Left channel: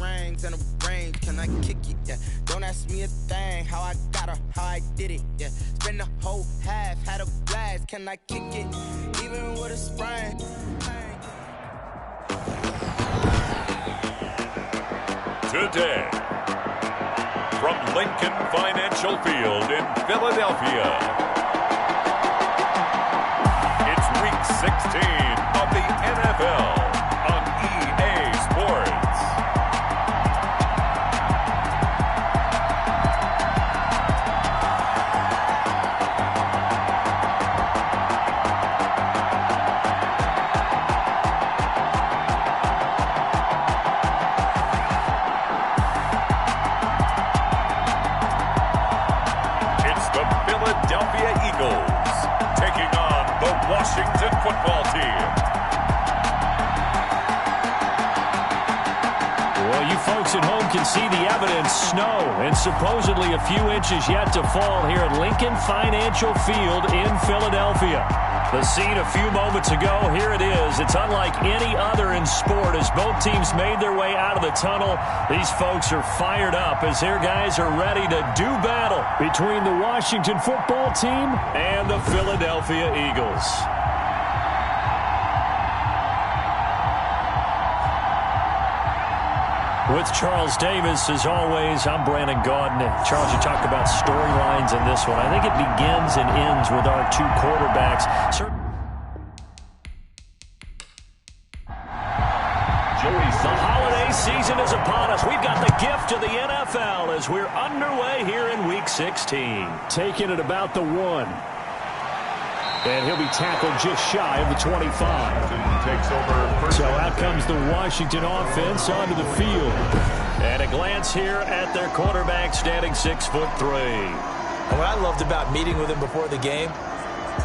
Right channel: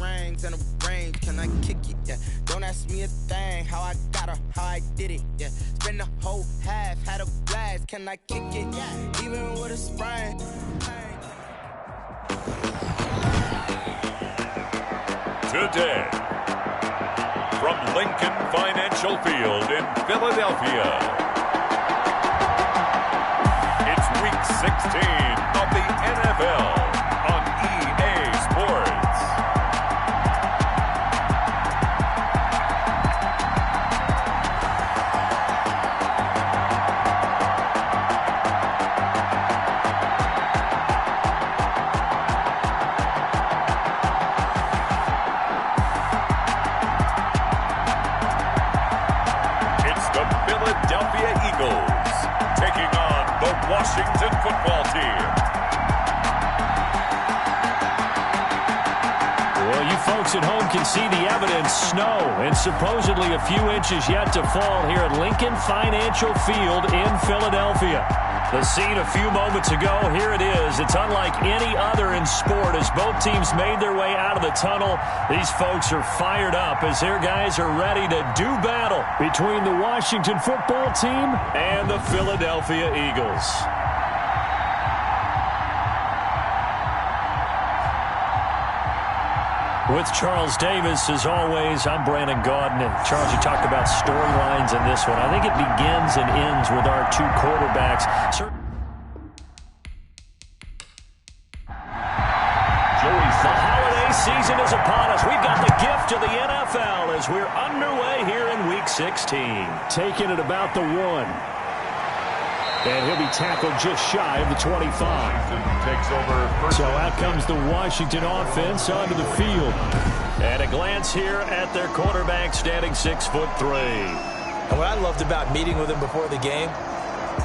rings and a range, can I kick it? Yeah, don't ask me a thing, how I got her, how I did it. Yeah, spend the whole half, had a blast, can I kick it? Even with a sprain. Today, from Lincoln Financial Field in Philadelphia, it's Week 16 of the NFL on EA Sports. The Philadelphia Eagles taking on the Washington football team. Well, you folks at home can see the evidence. Snow and supposedly a few inches yet to fall here at Lincoln Financial Field in Philadelphia. The scene a few moments ago, here it is. It's unlike any other in sport as both teams made their way out of the tunnel. These folks are fired up as their guys are ready to do battle between the Washington football team and the Philadelphia Eagles. With Charles Davis, as always, I'm Brandon Gaudin. And Charles, you talked about storylines in this one. I think it begins and ends with our two quarterbacks. The holiday season is upon us. We've got the gift of the NFL as we're underway here in Week 16. Taking it about the 1. And he'll be tackled just shy of the 25. Takes over so out comes the Washington offense onto the field. And a glance here at their quarterback standing 6'3". And what I loved about meeting with him before the game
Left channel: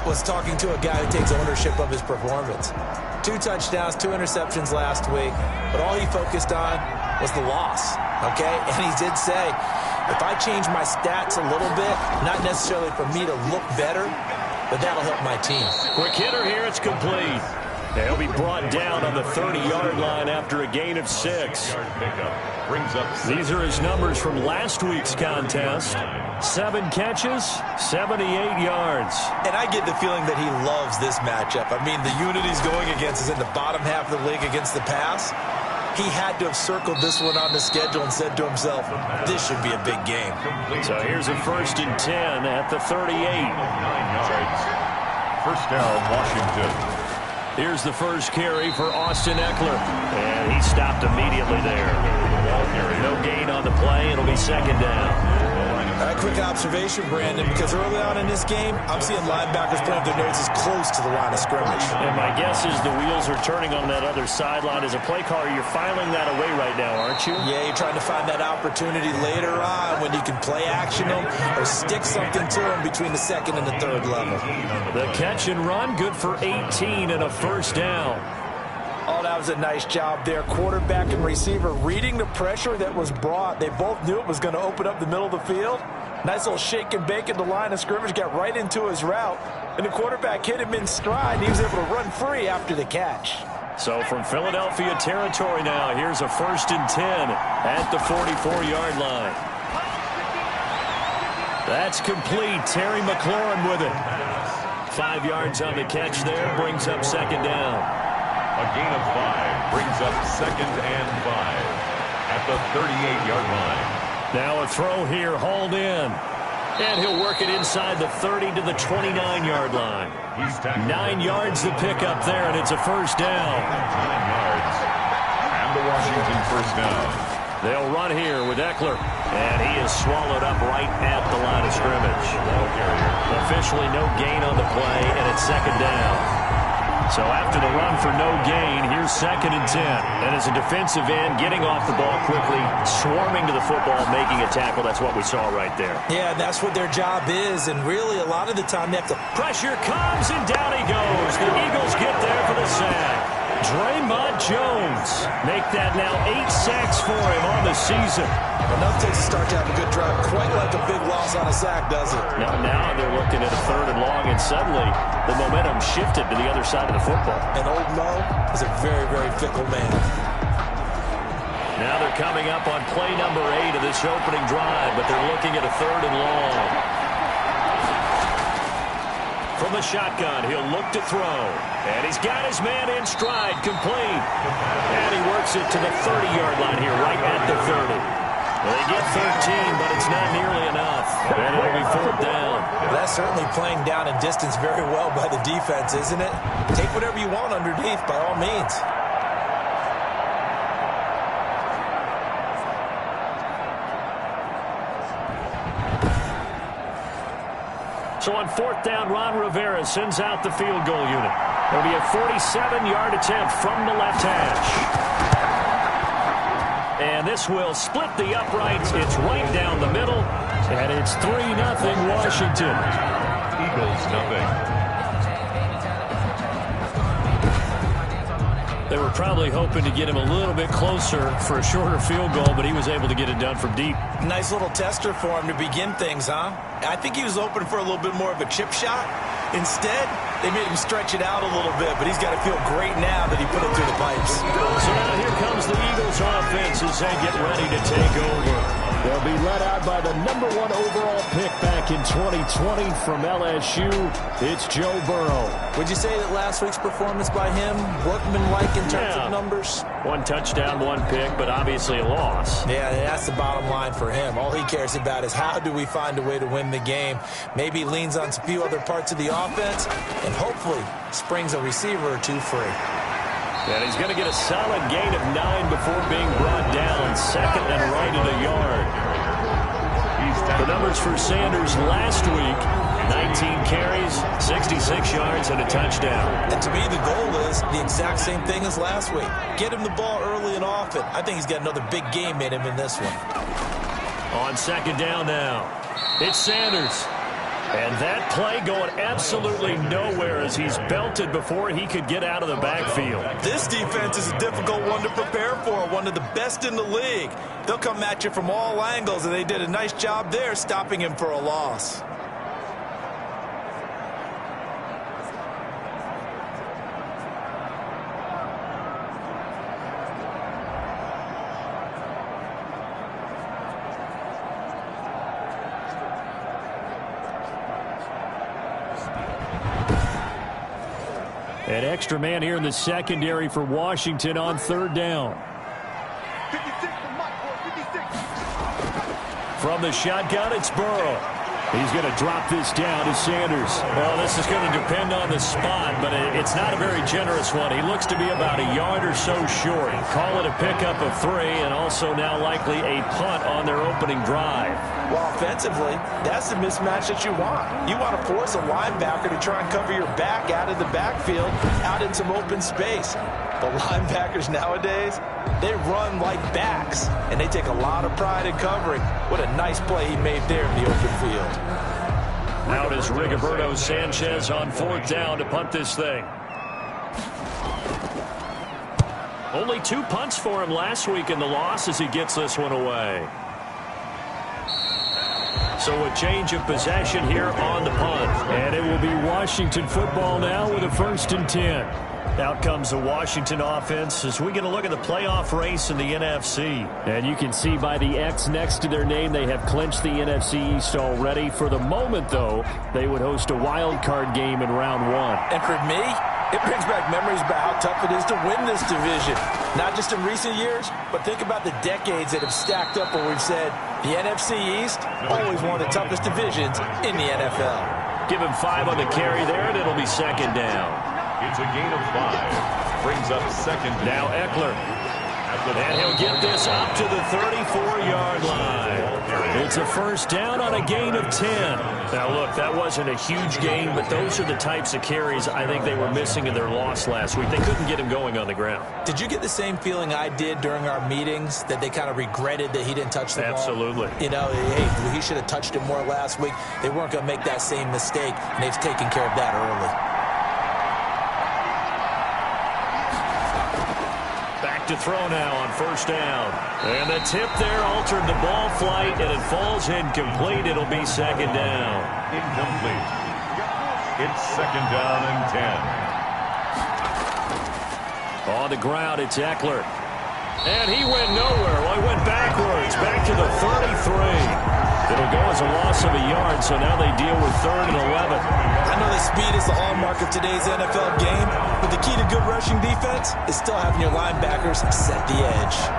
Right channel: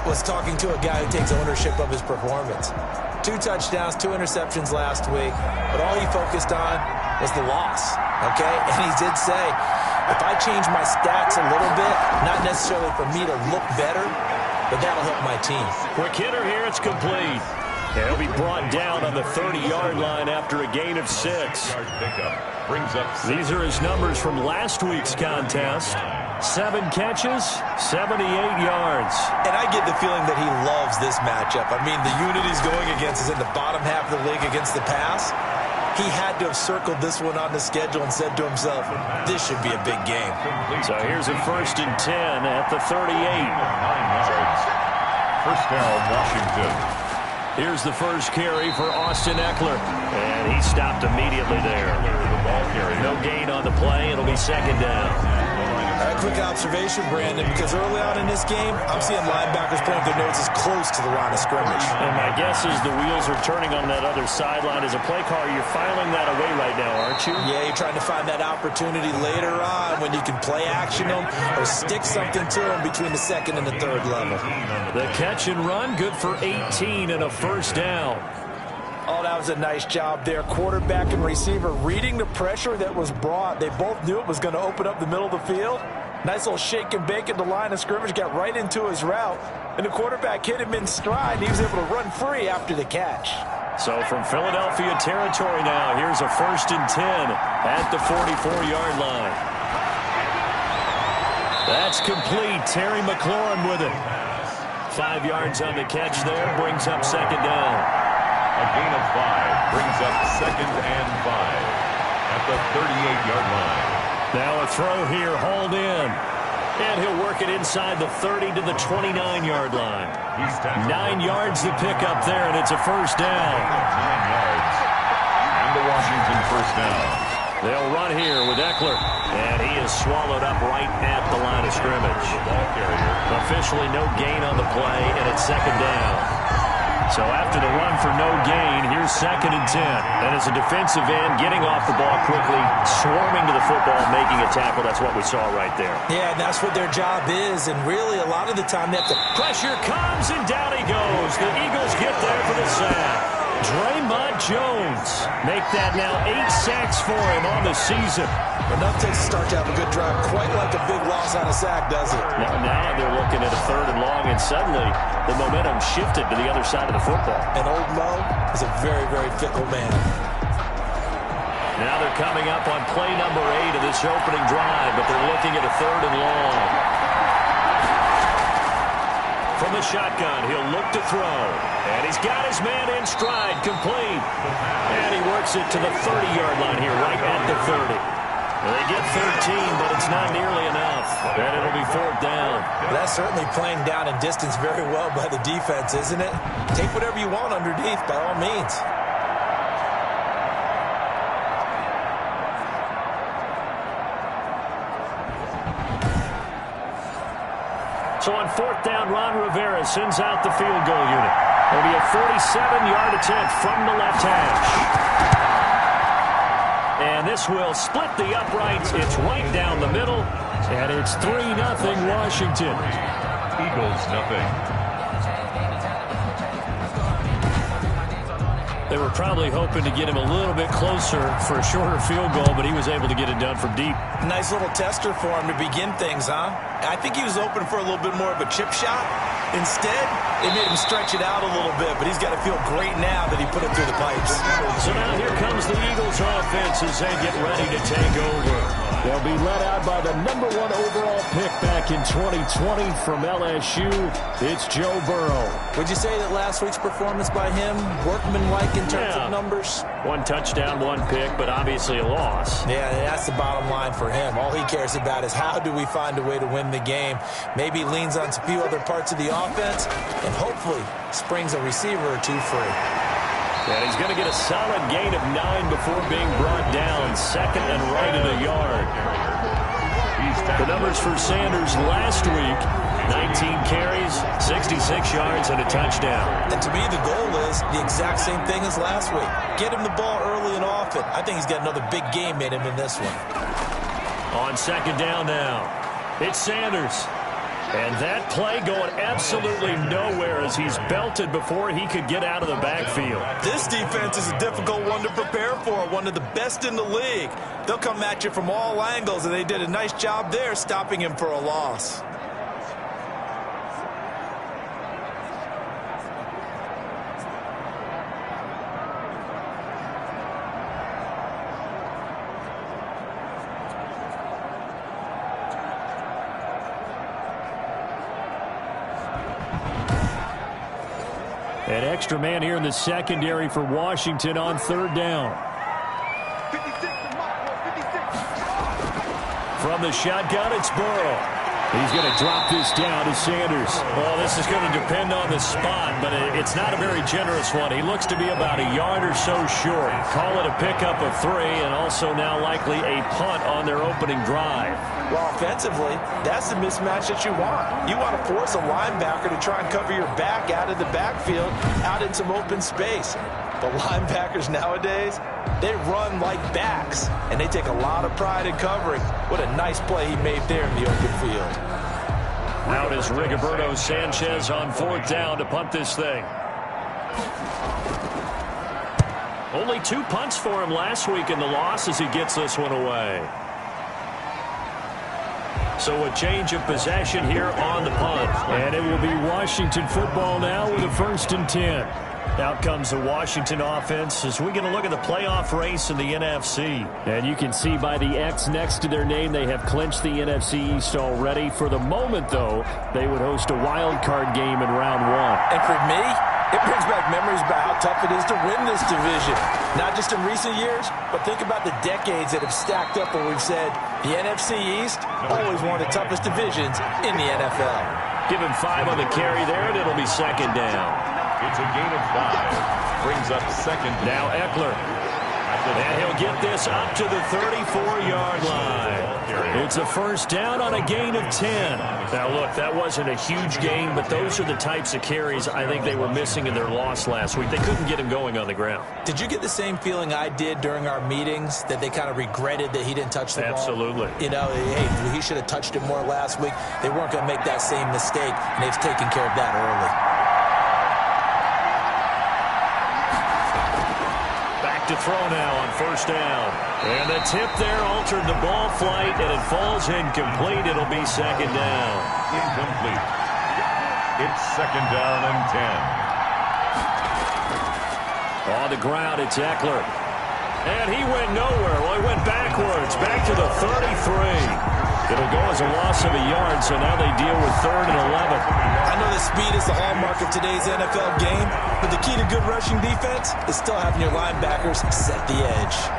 was talking to a guy who takes ownership of his performance. 2 touchdowns, 2 interceptions last week, but all he focused on was the loss, okay? And he did say, if I change my stats a little bit, not necessarily for me to look better, but that'll help my team. Quick hitter here, it's complete. He'll be brought down on the 30-yard line after a gain of 6. These are his numbers from last week's contest. 7 catches, 78 yards. And I get the feeling that he loves this matchup. I mean, the unit he's going against is in the bottom half of the league against the pass. He had to have circled this one on the schedule and said to himself, this should be a big game. So here's a 1st and 10 at the 38. 9 yards. First down, Washington. Here's the first carry for Austin Ekeler. And he stopped immediately there. No gain on the play. It'll be 2nd down. A quick observation, Brandon, because early on in this game, I'm seeing linebackers playing their noses close to the line of scrimmage. And my guess is the wheels are turning on that other sideline. As a play caller, you're filing that away right now, aren't you? Yeah, you're trying to find that opportunity later on when you can play action them or stick something to them between the 2nd and the 3rd level. The catch and run, good for 18 and a 1st down. Oh, that was a nice job there. Quarterback and receiver reading the pressure that was brought. They both knew it was going to open up the middle of the field. Nice little shake and bake at the line of scrimmage, got right into his route. And the quarterback hit him in stride. He was able to run free after the catch. So from Philadelphia territory now, here's a 1st and 10 at the 44-yard line. That's complete. Terry McLaurin with it. 5 yards on the catch there, brings up 2nd down. A gain of 5 brings up 2nd and 5 at the 38-yard line. Now a throw here, hauled in. And he'll work it inside the 30 to the 29-yard line. 9 yards to pick up there, and it's a 1st down. 9 yards. And the Washington 1st down. They'll run here with Ekeler. And he is swallowed up right at the line of scrimmage. Ball carrier. Officially no gain on the play, and it's 2nd down. So after the run for no gain, here's 2nd and 10. And as a defensive end, getting off the ball quickly, swarming to the football, making a tackle. That's what we saw right there. Yeah, that's what their job is. And really, a lot of the time, they have to... Pressure comes, and down he goes. The Eagles get there for the sack. Draymond Jones make that now 8 sacks for him on the season. Enough takes to start to have a good drive. Quite like a big loss on a sack, does it? Now they're looking at a 3rd and long, and suddenly the momentum shifted to the other side of the football. And old Mo is a very, very fickle man. Now they're coming up on play number 8 of this opening drive, but they're looking at a 3rd and long. From the shotgun, he'll look to throw. And he's got his man in stride, complete. And he works it to the 30-yard line here, right at the 30. They get 13, but it's not nearly enough. And it'll be 4th down. That's certainly playing down in distance very well by the defense, isn't it? Take whatever you want underneath, by all means. So on 4th down, Ron Rivera sends out the field goal unit. It'll be a 47-yard attempt from the left hash. And this will split the uprights. It's right down the middle. And it's 3-0 Washington. Eagles, nothing. They were probably hoping to get him a little bit closer for a shorter field goal, but he was able to get it done from deep. Nice little tester for him to begin things, huh? I think he was hoping for a little bit more of a chip shot. Instead, they made him stretch it out a little bit, but he's got to feel great now that he put it through the pipes. So now here comes the Eagles offense as they get ready to take over. They'll be led out by the number 1 overall pick back in 2020 from LSU. It's Joe Burrow. Would you say that last week's performance by him, workmanlike in terms of numbers? 1 touchdown, 1 pick, but obviously a loss. Yeah, that's the bottom line for him. All he cares about is how do we find a way to win the game. Maybe he leans on a few other parts of the offense and hopefully springs a receiver or 2 free. And he's going to get a solid gain of 9 before being brought down. 2nd and right at a yard. The numbers for Sanders last week, 19 carries, 66 yards, and a touchdown. And to me, the goal is the exact same thing as last week. Get him the ball early and often. I think he's got another big game in him in this one. On 2nd down now, it's Sanders. And that play going absolutely nowhere as he's belted before he could get out of the backfield. This defense is a difficult one to prepare for, one of the best in the league. They'll come at you from all angles, and they did a nice job there stopping him for a loss. An extra man here in the secondary for Washington on 3rd down. 56, From the shotgun, it's Burrow. He's going to drop this down to Sanders. Well, this is going to depend on the spot, but it's not a very generous one. He looks to be about a yard or so short. Call it a pickup of 3, and also now likely a punt on their opening drive. Well, offensively, that's the mismatch that you want. You want to force a linebacker to try and cover your back out of the backfield, out in some open space. The linebackers nowadays, they run like backs, and they take a lot of pride in covering. What a nice play he made there in the open field. Out is Rigoberto Sanchez on 4th down to punt this thing. Only 2 punts for him last week in the loss as he gets this one away. So a change of possession here on the punt. And it will be Washington football now with a 1st and 10. Out comes the Washington offense as we're going to look at the playoff race in the NFC. And you can see by the X next to their name, they have clinched the NFC East already. For the moment, though, they would host a wild card game in round 1. And for me, it brings back memories about how tough it is to win this division. Not just in recent years, but think about the decades that have stacked up where we've said the NFC East, always one of the toughest divisions in the NFL. Give him 5 on the carry there, and it'll be 2nd down. It's a gain of 5. Brings up 2nd. Now Eckler. And he'll get this up to the 34-yard line. It's a 1st down on a gain of 10. Now, look, that wasn't a huge gain, but those are the types of carries I think they were missing in their loss last week. They couldn't get him going on the ground. Did you get the same feeling I did during our meetings, that they kind of regretted that he didn't touch the ball? Absolutely. You know, hey, he should have touched it more last week. They weren't going to make that same mistake, and they've taken care of that early. To throw now on 1st down. And the tip there altered the ball flight, and it falls incomplete. It'll be 2nd down. Incomplete. It's 2nd down and 10. On the ground, it's Eckler. And he went nowhere. Well, he went backwards, back to the 33. It'll go as a loss of a yard, so now they deal with 3rd and 11. I know that speed is the hallmark of today's NFL game, but the key to good rushing defense is still having your linebackers set the edge.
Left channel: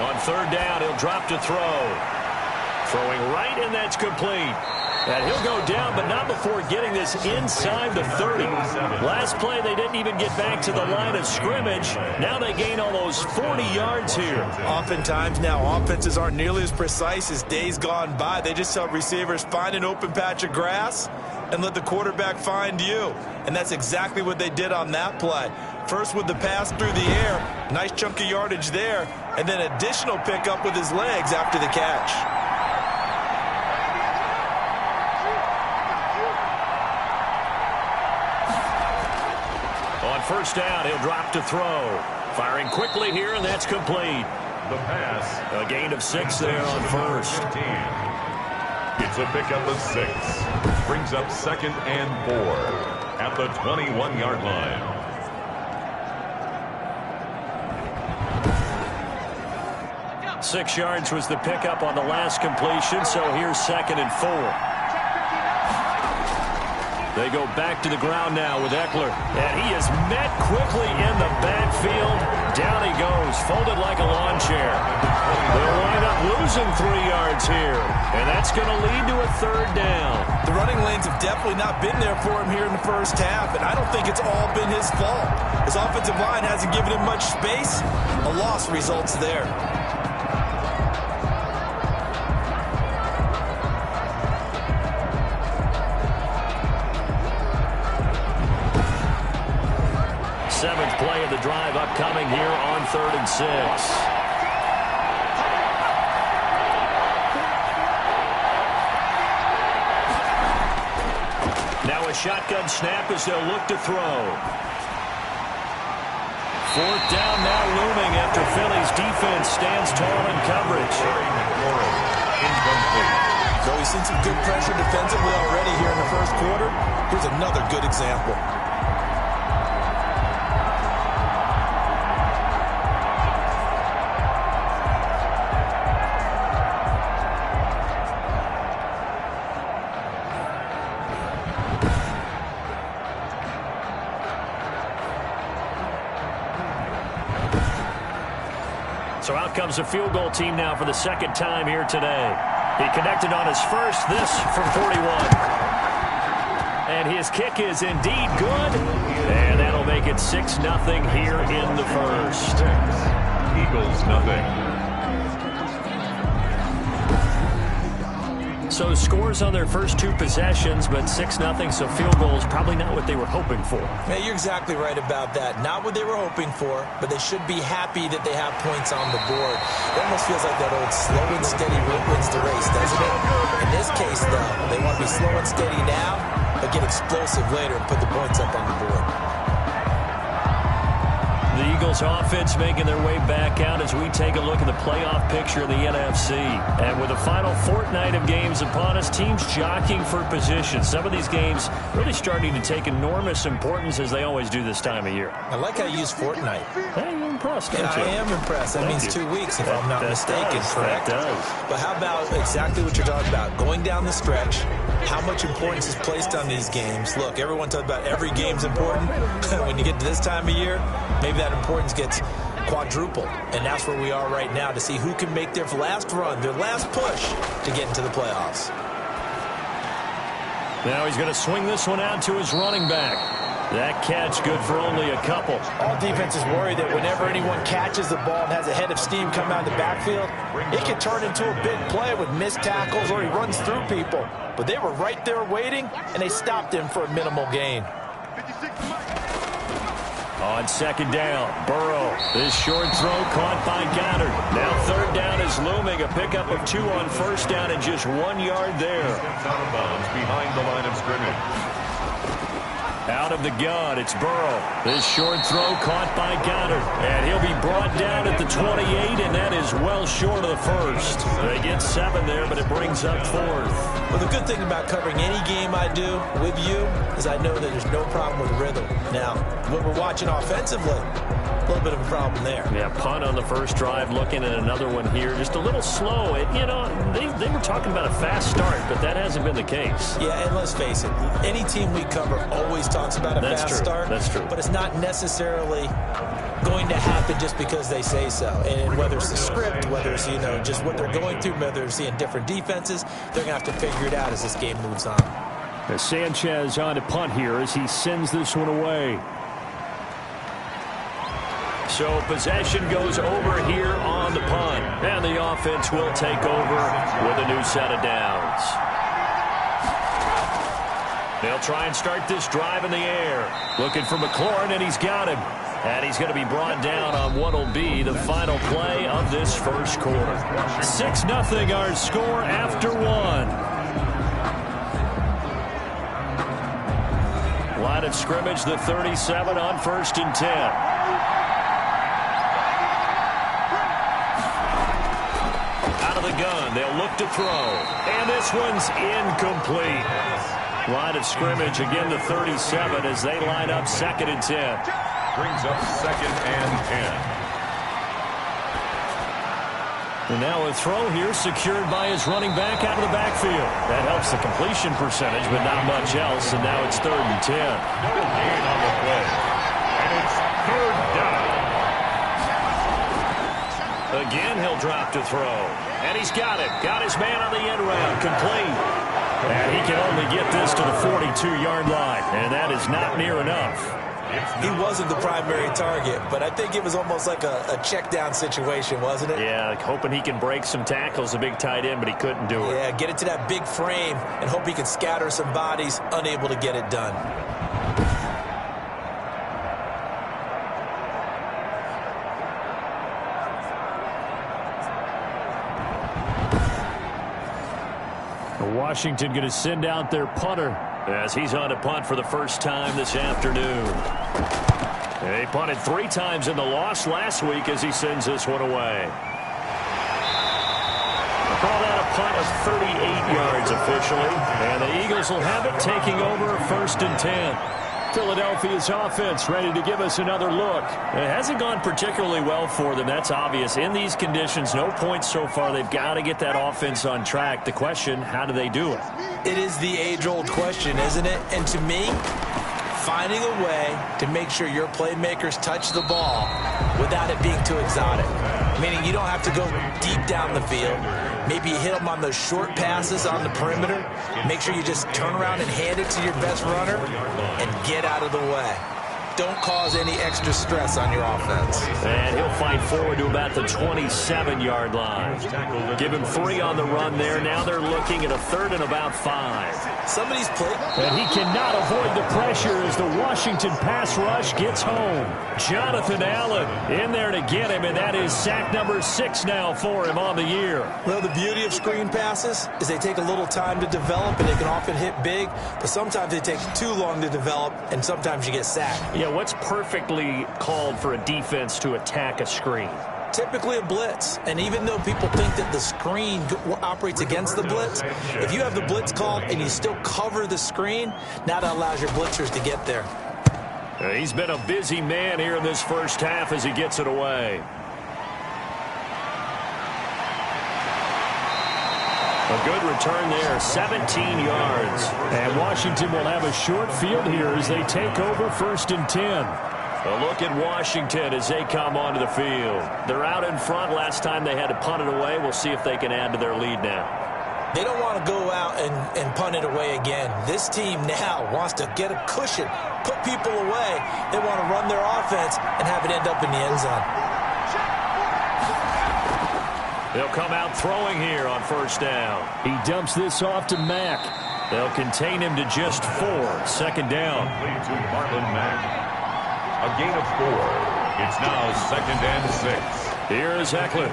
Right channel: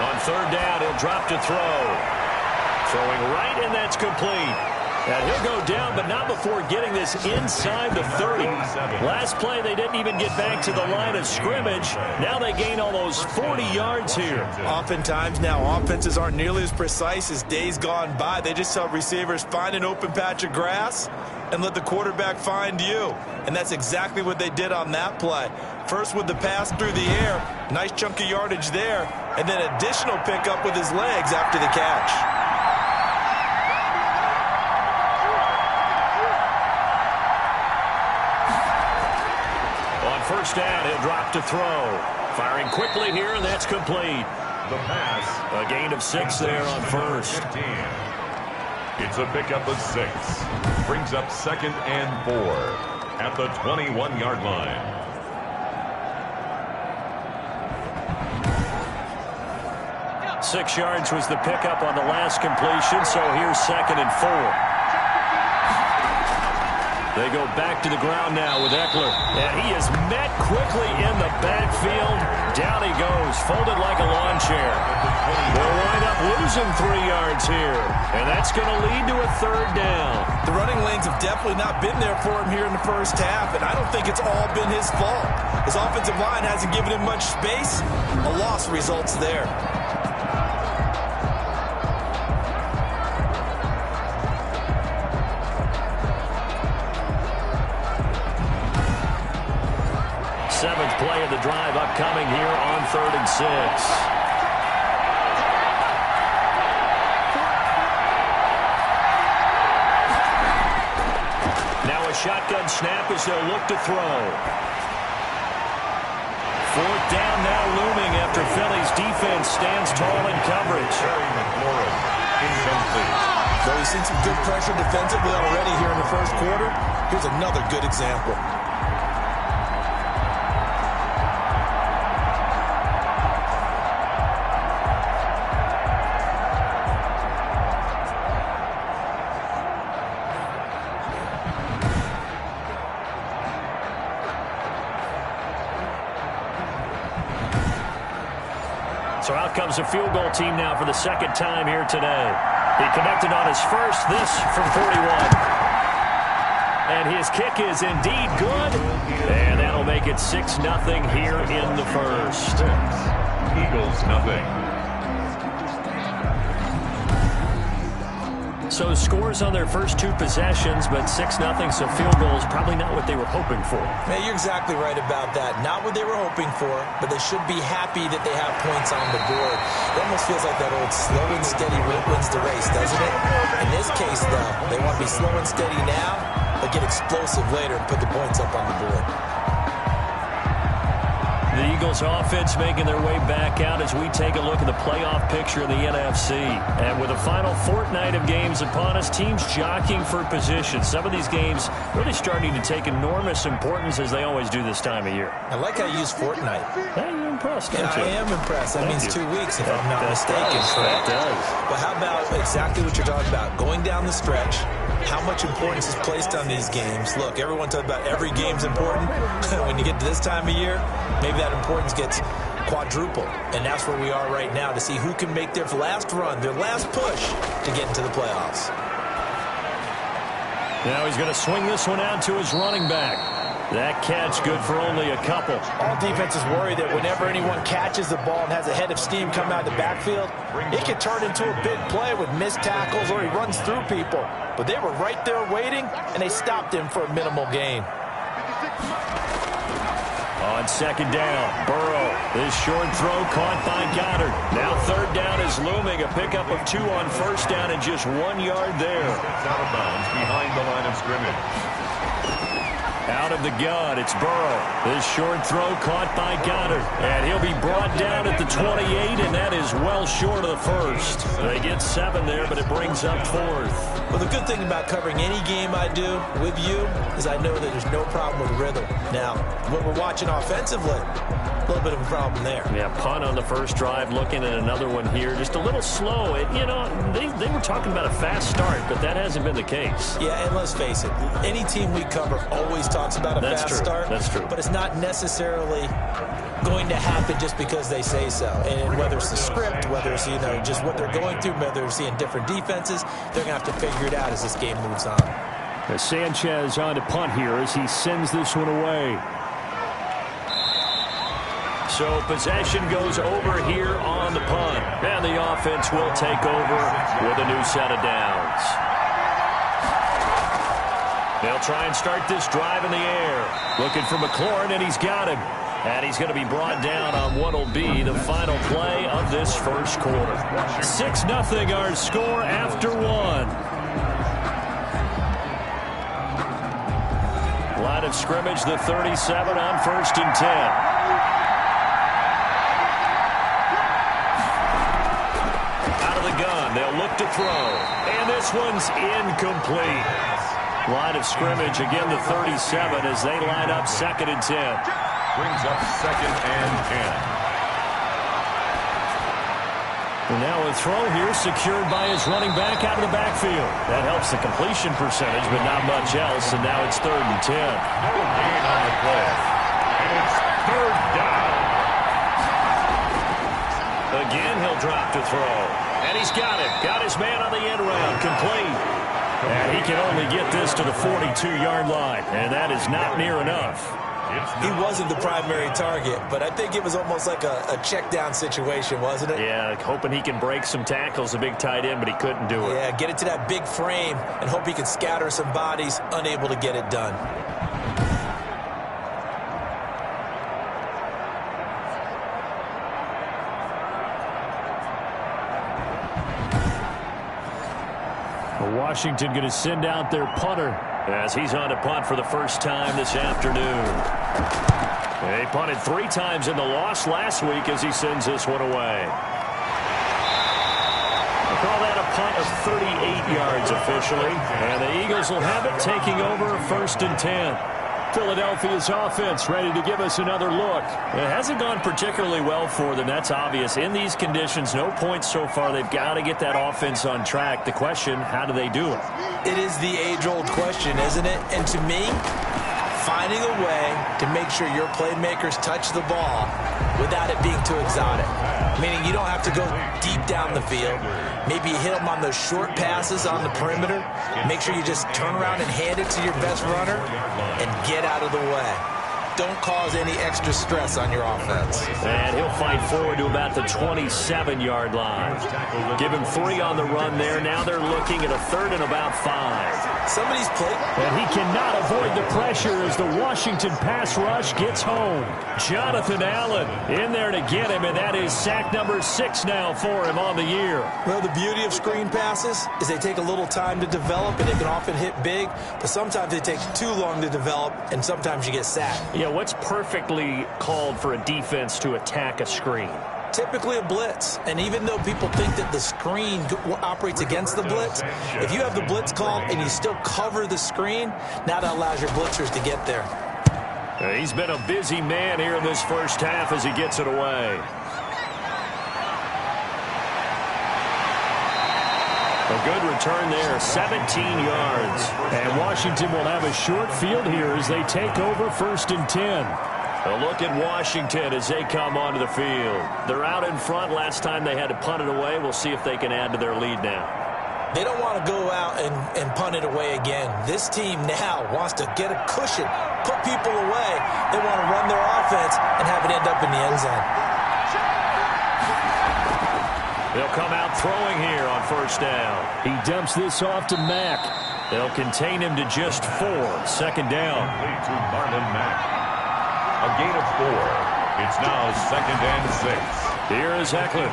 On 3rd down, he'll drop to throw. Throwing right, and that's complete. And he'll go down, but not before getting this inside the 30. Last play, they didn't even get back to the line of scrimmage. Now they gain almost 40 yards here. Oftentimes now, offenses aren't nearly as precise as days gone by. They just help receivers find an open patch of grass and let the quarterback find you. And that's exactly what they did on that play. First with the pass through the air, nice chunk of yardage there, and then additional pickup with his legs after the catch. On 1st down, he'll drop to throw. Firing quickly here, and that's complete. The pass. A gain of 6 there on 1st. 15. It's a pickup of 6. Brings up 2nd and 4 at the 21-yard line. Six yards was the pickup on the last completion, so here's 2nd and 4. They go back to the ground now with Eckler. And he is met quickly in the backfield. Down he goes, folded like a lawn chair. They'll wind up losing 3 yards here. And that's going to lead to a 3rd down. The running lanes have definitely not been there for him here in the first half, and I don't think it's all been his fault. His offensive line hasn't given him much space. A loss results there. Seventh play of the drive upcoming here on 3rd and 6. Now a shotgun snap as they'll look to throw. 4th down now looming after Philly's defense stands tall in coverage. Terry McLaurin, incomplete. Though he's seen some good pressure defensively already here in the first quarter, here's another good example. So out comes a field goal team now for the 2nd time here today. He connected on his first, this from 41. And his kick is indeed good. And that'll make it 6-0 here in the first. 6. Eagles nothing. So scores on their first 2 possessions, but 6-0, so field goals probably not what they were hoping for. Man, you're exactly right about that. Not what they were hoping for, but they should be happy that they have points on the board. It almost feels like that old slow and steady wins the race, doesn't it? In this case, though, they want to be slow and steady now, but get explosive later and put the points up on the board. The Eagles offense making their way back out as we take a look at the playoff picture of the NFC. And with the final fortnight of games upon us, teams jockeying for position. Some of these games really starting to take enormous importance as they always do this time of year. I like how you use fortnight. Hey, you're impressed, aren't you? I am impressed. That means 2 weeks if I'm not mistaken, correct? That does. But how about exactly what you're talking about? Going down the stretch, how much importance is placed on these games? Look, everyone talks about every game's important. When you get to this time of year, maybe that importance gets quadrupled. And that's where we are right now to see who can make their last run, their last push to get into the playoffs. Now he's going to swing this one out to his running back. That catch good for only a couple. All defenses worry that whenever anyone catches the ball and has a head of steam come out of the backfield, it can turn into a big play with missed tackles or he runs through people. But they were right there waiting, and they stopped him for a minimal gain. On 2nd down, Burrow. This short throw caught by Goddard. Now 3rd down is looming. A pickup of 2 on 1st down and just 1 yard there. Steps out of bounds behind the line of scrimmage. Out of the gun, it's Burrow. This short throw caught by Goddard. And he'll be brought down at the 28, and that is well short of the first. They get 7 there, but it brings up 4th. Well, the good thing about covering any game I do with you is I know that there's no problem with rhythm. Now, when we're watching offensively, a little bit of a problem there. Yeah, punt on the first drive, looking at another one here. Just a little slow. They were talking about a fast start, but that hasn't been the case. Yeah, and let's face it, any team we cover always talks about a fast start. That's true. But it's not necessarily going to happen just because they say so. And whether it's the script, whether it's, just what they're going through, whether they're seeing different defenses, they're going to have to figure it out as this game moves on. Sanchez on to punt here as he sends this one away. So possession goes over here on the punt. And the offense will take over with a new set of downs. They'll try and start this drive in the air. Looking for McLaurin, and he's got him. And he's going to be brought down on what will be the final play of this first quarter. 6-0 our score after 1. Line of scrimmage, the 37 on 1st and 10. The gun. They'll look to throw. And this one's incomplete. Line of scrimmage, again, the 37 as they line up 2nd and 10. Brings up 2nd and 10. And now a throw here secured by his running back out of the backfield. That helps the completion percentage, but not much else. And now it's 3rd and 10. No gain on the play. And it's 3rd down. Again, he'll drop to throw. And he's got it. Got his man on the end round. Complete. And he can only get this to the 42-yard line. And that is not near enough. He wasn't the primary target, but I think it was almost like a check down situation, wasn't it? Yeah, hoping he can break some tackles, a big tight end, but he couldn't do it. Yeah, get it to that big frame and hope he can scatter some bodies, unable to get it done. Washington going to send out their punter as he's on to punt for the first time this afternoon. He punted 3 times in the loss last week as he sends this one away. I'll call that a punt of 38 yards officially. And the Eagles will have it, taking over 1st and 10. Philadelphia's offense ready to give us another look. It hasn't gone particularly well for them. That's obvious. In these conditions, no points so far. They've got to get that offense on track. The question, how do they do it? It is the age-old question, isn't it? And to me, finding a way to make sure your playmakers touch the ball without it being too exotic. Meaning you don't have to go deep down the field. Maybe you hit them on those short passes on the perimeter. Make sure you just turn around and hand it to your best runner and get out of the way. Don't cause any extra stress on your offense. And he'll fight forward to about the 27-yard line. Give him 3 on the run there. Now they're looking at a 3rd and about 5. Somebody's played. And he cannot avoid the pressure as the Washington pass rush gets home. Jonathan Allen in there to get him, and that is sack number 6 now for him on the year. Well, the beauty of screen passes is they take a little time to develop, and they can often hit big, but sometimes they take too long to develop, and sometimes you get sacked. Yeah, what's perfectly called for a defense to attack a screen? Typically a blitz, and even though people think that the screen operates against the blitz, if you have the blitz called and you still cover the screen, now that allows your blitzers to get there. He's been a busy man here in this first half as he gets it away. A good return there, 17 yards. And Washington will have a short field here as they take over 1st and 10. A look at Washington as they come onto the field. They're out in front. Last time they had to punt it away. We'll see if they can add to their lead now. They don't want to go out and punt it away again. This team now wants to get a cushion, put people away. They want to run their offense and have it end up in the end zone. They'll come out throwing here on 1st down. He dumps this off to Mack. They'll contain him to just 4. 2nd down. Lead to Marlon Mack. A gain of 4. It's now 2nd and 6. Here is Ekeler.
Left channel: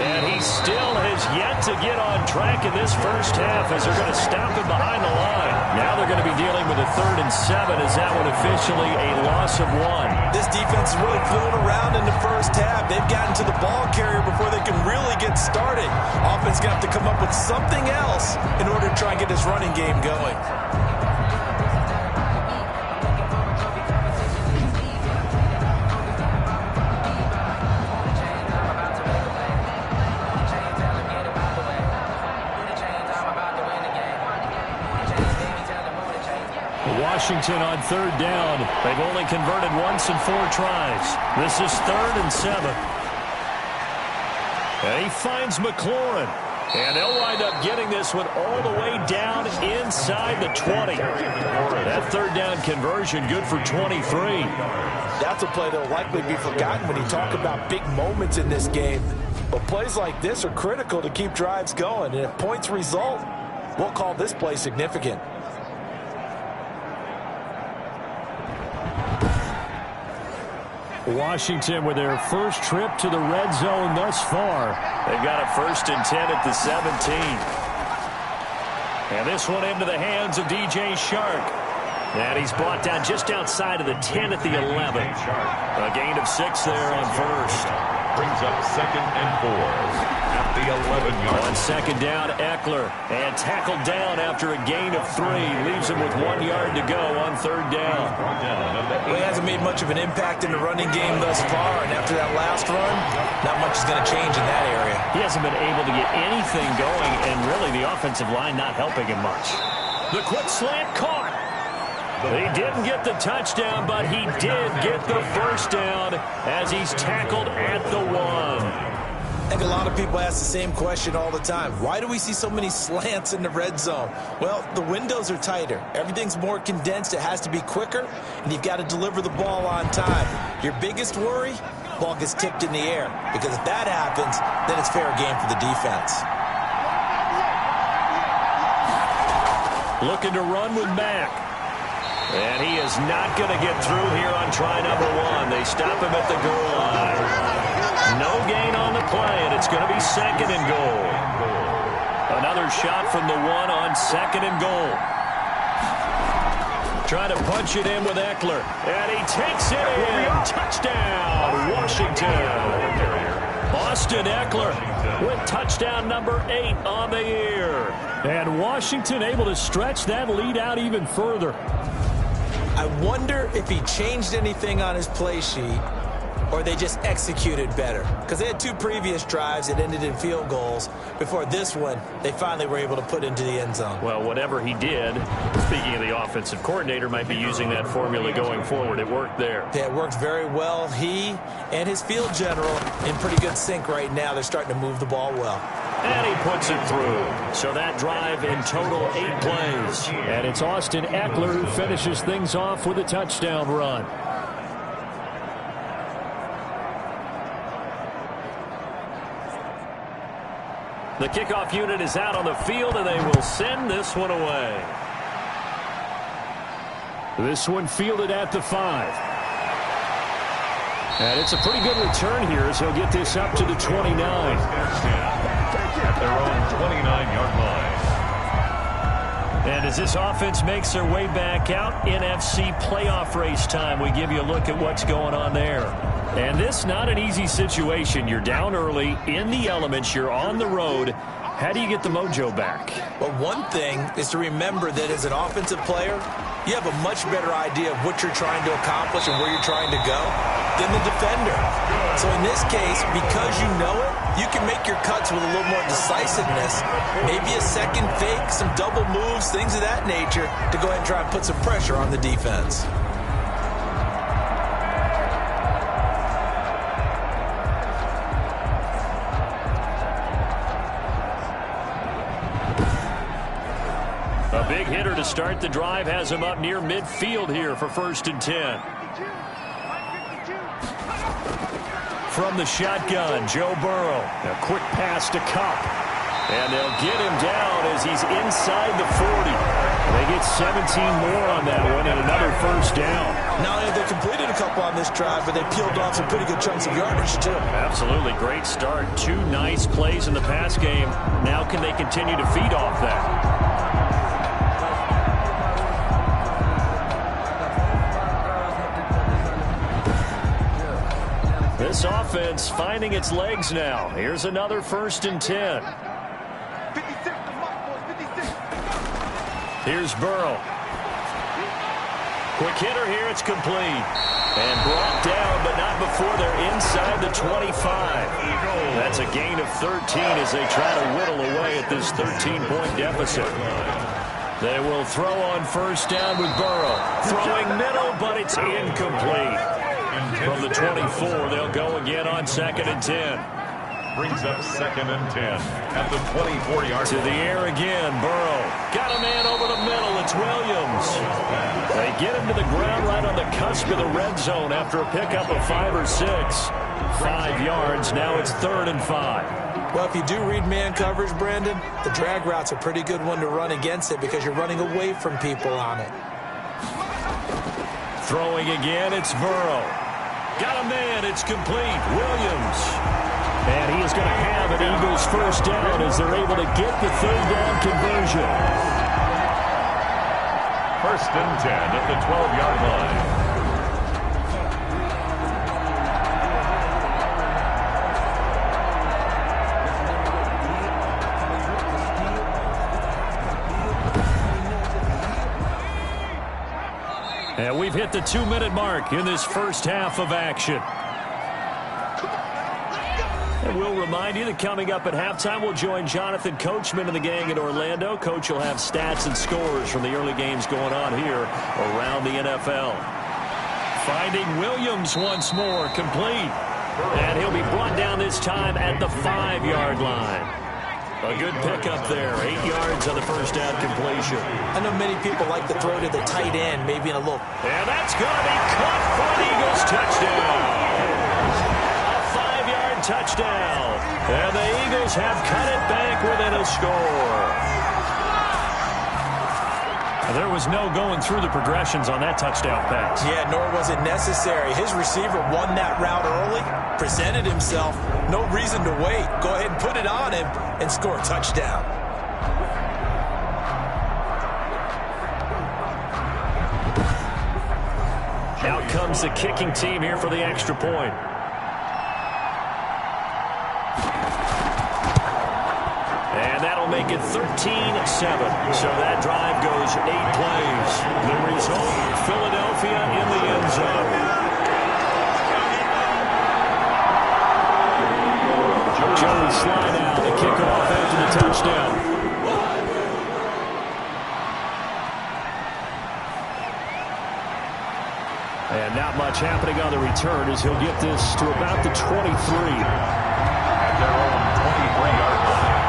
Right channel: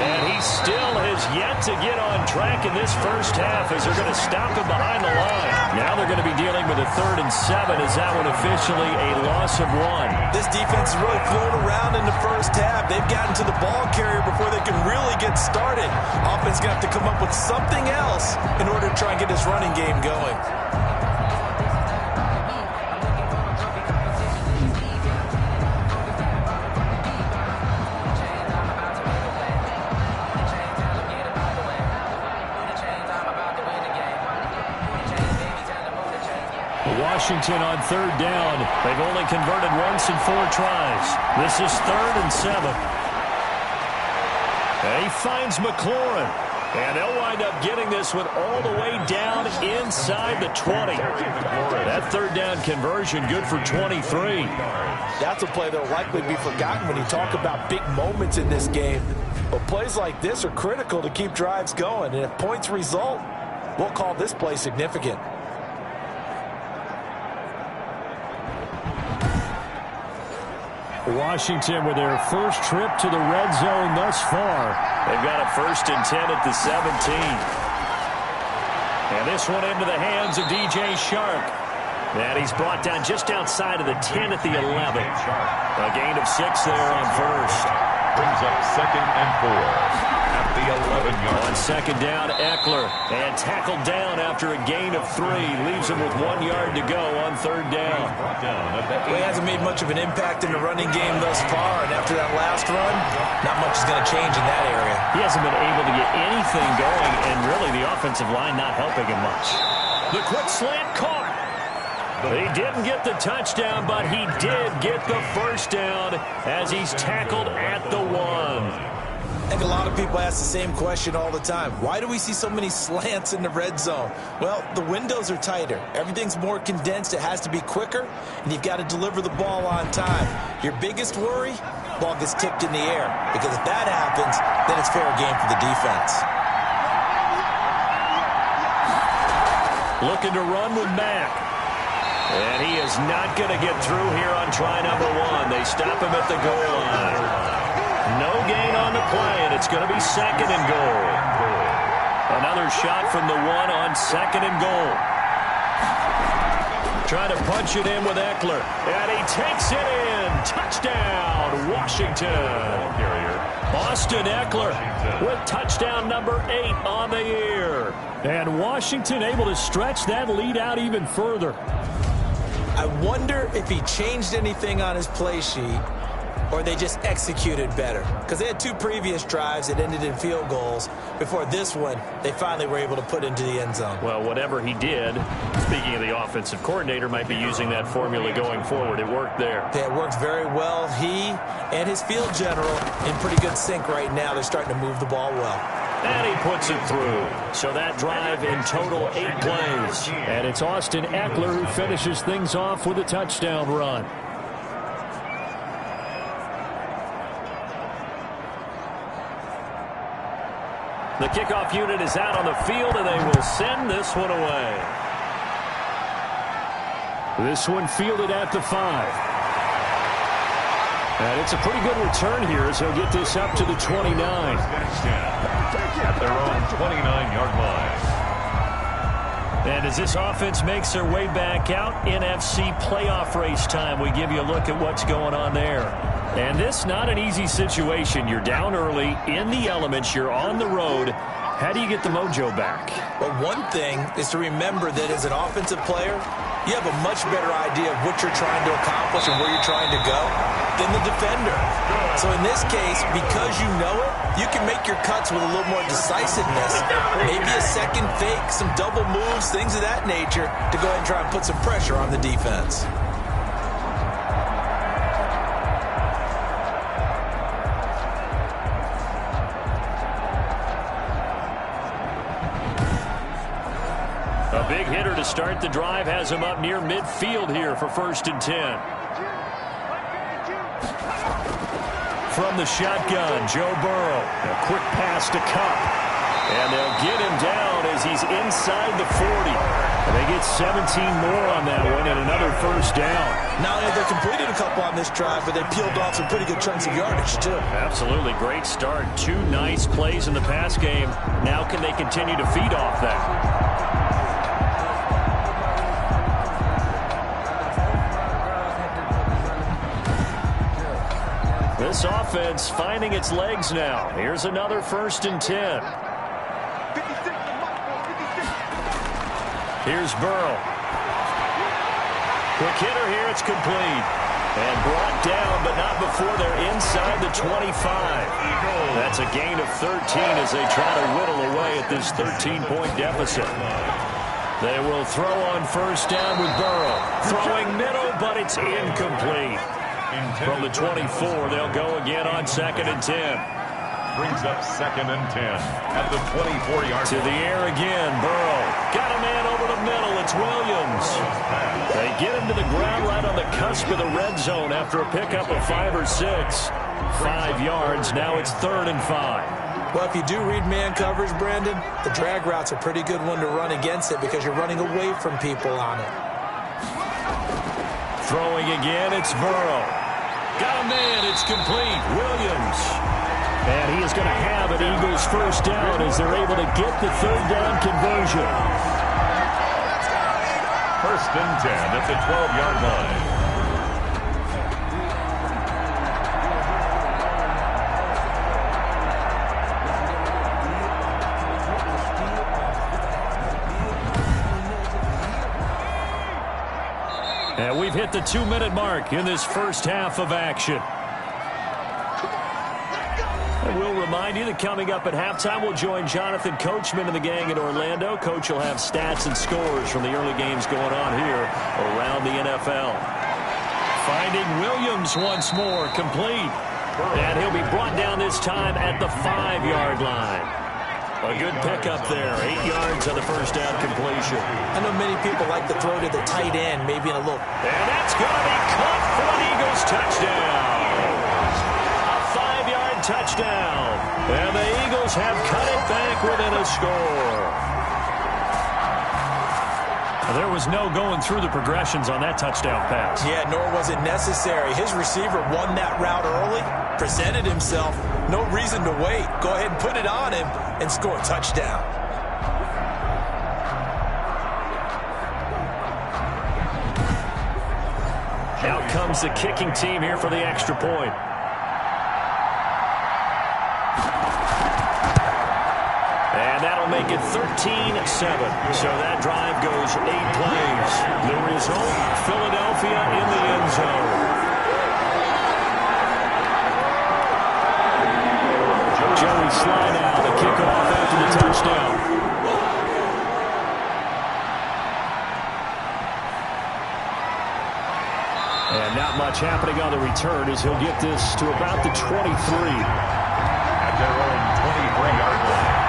And he still has yet to get on track in this first half as they're going to stop him behind the line. Now they're going to be dealing with a 3rd and 7 as that one officially a loss of 1. This defense is really flown around in the first half. They've gotten to the ball carrier before they can really get started. Offense going to have to come up with something else in order to try and get this running game going. Washington on 3rd down. They've only converted once in 4 tries. This is 3rd and 7. And he finds McLaurin. And they'll wind up getting this one all the way down inside the 20. That 3rd down conversion good for 23. That's a play that will likely be forgotten when you talk about big moments in this game. But plays like this are critical to keep drives going. And if points result, we'll call this play significant. Washington with their first trip to the red zone thus far. They've got a 1st and 10 at the 17. And this one into the hands of DJ Chark. And he's brought down just outside of the 10 at the 11. A gain of 6 there on 1st. Brings up 2nd and 4 at the 11-yard. On 2nd down, Ekeler. And tackled down after a gain of 3. Leaves him with 1 yard to go on 3rd down. Well, he hasn't made much of an impact in the running game thus far. And after that last run, not much is going to change in that area. He hasn't been able to get anything going. And really, the offensive line not helping him much. The quick slant caught. He didn't get the touchdown, but he did get the 1st down as he's tackled at the 1. I think a lot of people ask the same question all the time. Why do we see so many slants in the red zone? Well, the windows are tighter. Everything's more condensed. It has to be quicker, and you've got to deliver the ball on time. Your biggest worry, ball gets tipped in the air, because if that happens, then it's fair game for the defense. Looking to run with Mack. And he is not going to get through here on try number 1. They stop him at the goal line. No gain on the play, and it's going to be 2nd and goal. Another shot from the 1 on 2nd and goal. Trying to punch it in with Ekeler. And he takes it in. Touchdown, Washington. Austin Ekeler with touchdown number 8 on the year. And Washington able to stretch that lead out even further. I wonder if he changed anything on his play sheet or they just executed better. Because they had 2 previous drives that ended in field goals. Before this one, they finally were able to put into the end zone. Well, whatever he did, speaking of the offensive coordinator, might be using that formula going forward. It worked there. Yeah, it worked very well. He and his field general in pretty good sync right now. They're starting to move the ball well. And he puts it through. So that drive in total 8 plays. And it's Austin Ekeler who finishes things off with a touchdown run. The kickoff unit is out on the field, and they will send this one away. This one fielded at the 5. And it's a pretty good return here as he'll get this up to the 29. At their own 29-yard line. And as this offense makes their way back out, NFC playoff race time, we give you a look at what's going on there. And this not an easy situation. You're down early, in the elements, you're on the road. How do you get the mojo back? Well, one thing is to remember that as an offensive player, you have a much better idea of what you're trying to accomplish and where you're trying to go than the defender. So in this case, because you know it, you can make your cuts with a little more decisiveness. Maybe a second fake, some double moves, things of that nature to go ahead and try and put some pressure on the defense. A big hitter to start the drive has him up near midfield here for 1st and 10. From the shotgun, Joe Burrow. A quick pass to Kupp. And they'll get him down as he's inside the 40. And they get 17 more on that one and another first down. Not only have they completed a couple on this drive, but they peeled off some pretty good chunks of yardage, too. Absolutely. Great start. 2 nice plays in the pass game. Now can they continue to feed off that? This offense finding its legs now. Here's another 1st and 10. Here's Burrow. Quick hitter here. It's complete. And brought down, but not before they're inside the 25. That's a gain of 13 as they try to whittle away at this 13-point deficit. They will throw on 1st down with Burrow. Throwing middle, but it's incomplete. From the 24, they'll go again on 2nd and 10. Brings up 2nd and 10 at the 24-yard to the air again. Burrow got a man over the middle. It's Williams. They get him to the ground right on the cusp of the red zone after a pickup of 5 or 6. 5 yards. Now it's 3rd and 5. Well, if you do read man coverage, Brandon, the drag route's a pretty good one to run against it because you're running away from people on it. Throwing again, it's Burrow. Got a man. It's complete. Williams. And he is going to have an Eagles 1st down as they're able to get the 3rd down conversion. 1st and 10 at the 12-yard line. And we've hit the 2-minute mark in this first half of action. And we'll remind you that coming up at halftime, we'll join Jonathan Coachman and the gang in Orlando. Coach will have stats and scores from the early games going on here around the NFL. Finding Williams once more, complete. And he'll be brought down this time at the 5-yard line. A good pickup there. 8 yards on the 1st down completion. I know many people like to throw to the tight end, maybe in a little. And that's going to be caught for an Eagles touchdown. Touchdown. And the Eagles have cut it back within a score. There was no going through the progressions on that touchdown pass. Yeah, nor was it necessary. His receiver won that route early, presented himself. No reason to wait. Go ahead and put it on him and score a touchdown. Out comes the kicking team here for the extra point. And that'll make it 13-7. So that drive goes 8 plays. The result, Philadelphia in the end zone. Joey Slye now to kick off after the touchdown. And not much happening on the return as he'll get this to about the 23. At their own 23-yard line.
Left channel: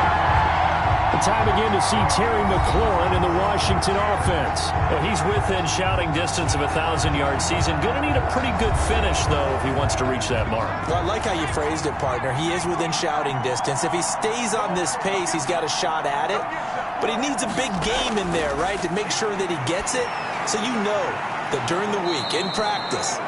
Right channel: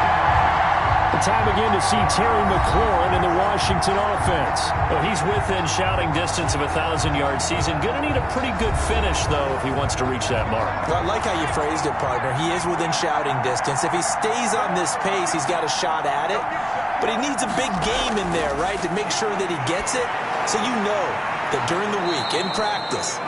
Time again to see Terry McLaurin in the Washington offense. Well, he's within shouting distance of a 1,000-yard season. Going to need a pretty good finish, though, if he wants to reach that mark. Well, I like how you phrased it, partner. He is within shouting distance. If he stays on this pace, he's got a shot at it. But he needs a big game in there, right, to make sure that he gets it. So you know that during the week, in practice,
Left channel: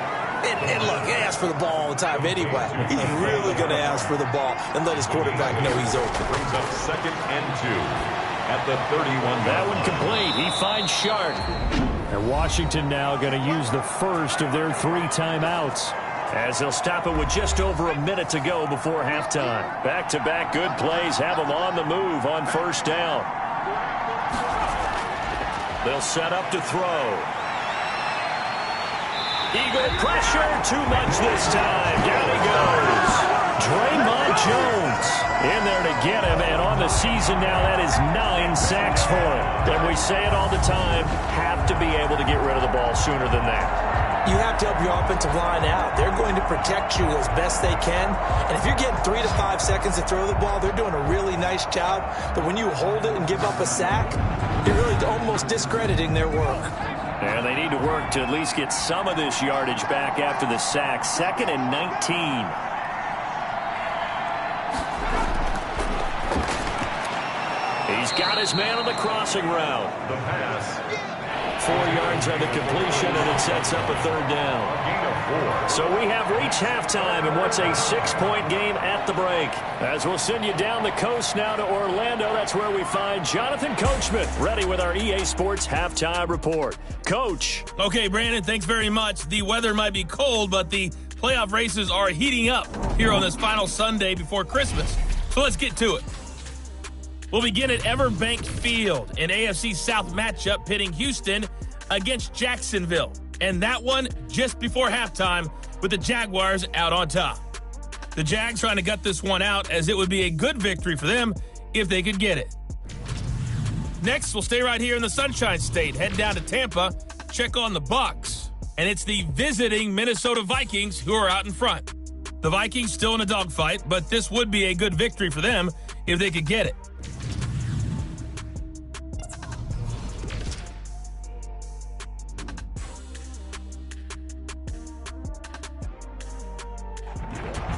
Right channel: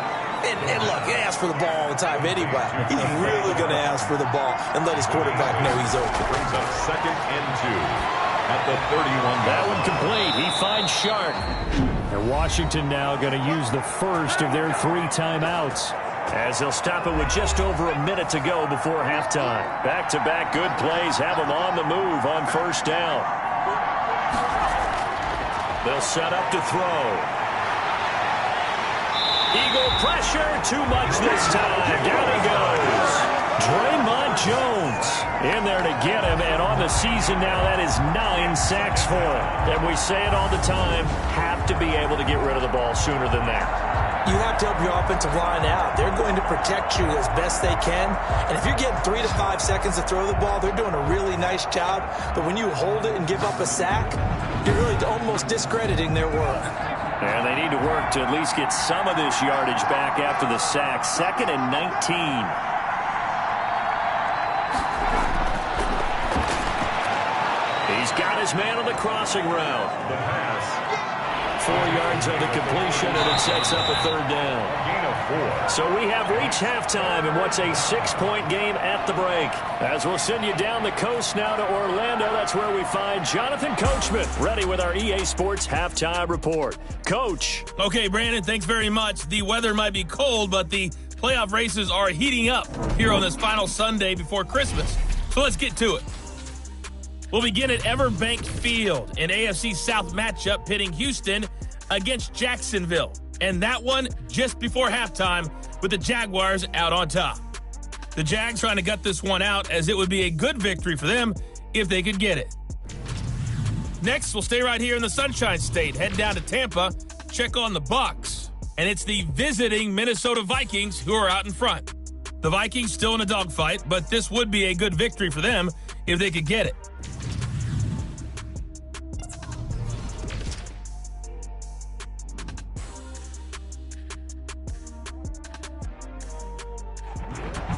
and look, he asks for the ball all the time anyway. He's really going to ask for the ball and let his quarterback know he's open. Brings up 2nd and 2 at the 31. That one complete. He finds Shark. And Washington now going to use the first of their 3 timeouts as they'll stop it with just over a minute to go before halftime. Back-to-back good plays have them on the move on 1st down. They'll set up to throw. Eagle pressure, too much this time. Down he goes. Draymond Jones in there to get him, and on the season now, that is 9 sacks for him. And we say it all the time, have to be able to get rid of the ball sooner than that. You have to help your offensive line out. They're going to protect you as best they can. And if you're getting 3 to 5 seconds to throw the ball, they're doing a really nice job. But when you hold it and give up a sack, you're really almost discrediting their work. And they need to work to at least get some of this yardage back after the sack. 2nd and 19. He's got his man on the crossing route. The pass. 4 yards on the completion, and it sets up a third down. A gain of 4. So we have reached halftime in what's a 6-point game at the break. As we'll send you down the coast now to Orlando, that's where we find Jonathan Coachman, ready with our EA Sports Halftime Report. Coach. Okay, Brandon, thanks very much. The weather might be cold, but the playoff races are heating up here on this final Sunday before Christmas. So let's get to it. We'll begin at Everbank Field, an AFC South matchup pitting Houston against Jacksonville. And that one just before halftime with the Jaguars out on top. The Jags trying to gut this one out as it would be a good victory for them if they could get it. Next, we'll stay right here in the Sunshine State, head down to Tampa, check on the Bucs. And it's the visiting Minnesota Vikings who are out in front. The Vikings still in a dogfight, but this would be a good victory for them if they could get it.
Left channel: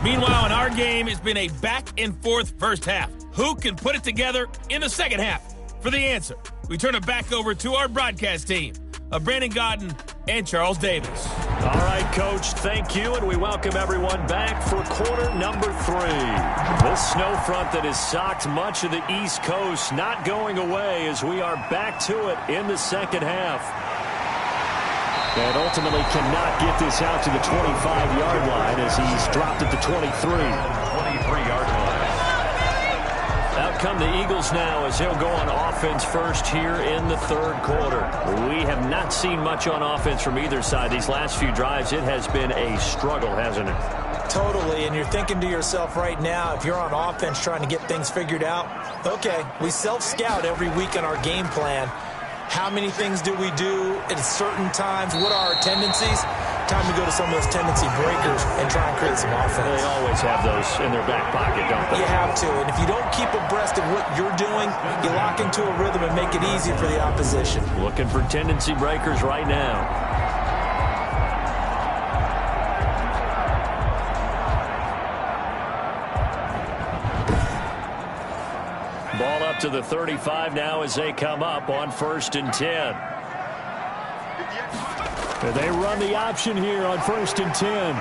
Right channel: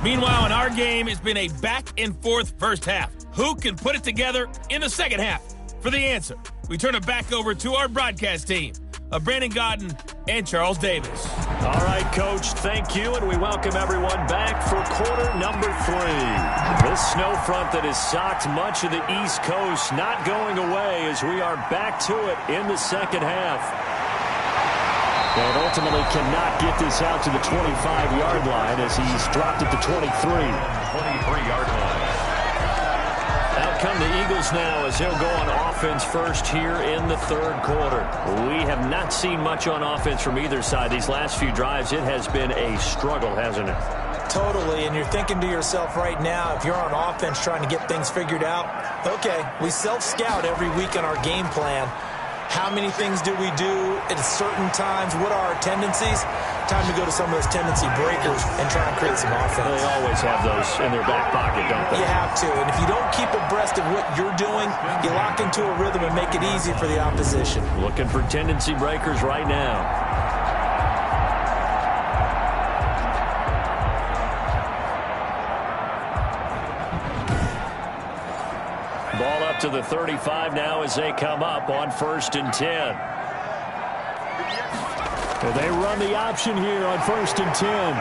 Meanwhile, in our game, it's been a back-and-forth first half. Who can put it together in the second half? For the answer, we turn it back over to our broadcast team of Brandon Gaudin and Charles Davis. All right, Coach, thank you, and we welcome everyone back for quarter number 3. The snow front that has socked much of the East Coast not going away as we are back to it in the second half. And ultimately cannot get this out to the 25-yard line as he's dropped at the 23. 23-yard line. Out come the Eagles now as he'll go on offense first here in the third quarter. We have not seen much on offense from either side. These last few drives, it has been a struggle, hasn't it? Totally, and you're thinking to yourself right now, if you're on offense trying to get things figured out, okay, we self-scout every week on our game plan. How many things do we do at certain times? What are our tendencies? Time to go to some of those tendency breakers and try and create some offense. They always have those in their back pocket, don't they? You have to, and if you don't keep abreast of what you're doing, you lock into a rhythm and make it easy for the opposition. Looking for tendency breakers right now. Ball up to the 35 now as they come up on 1st and 10. They run the option here on 1st and 10.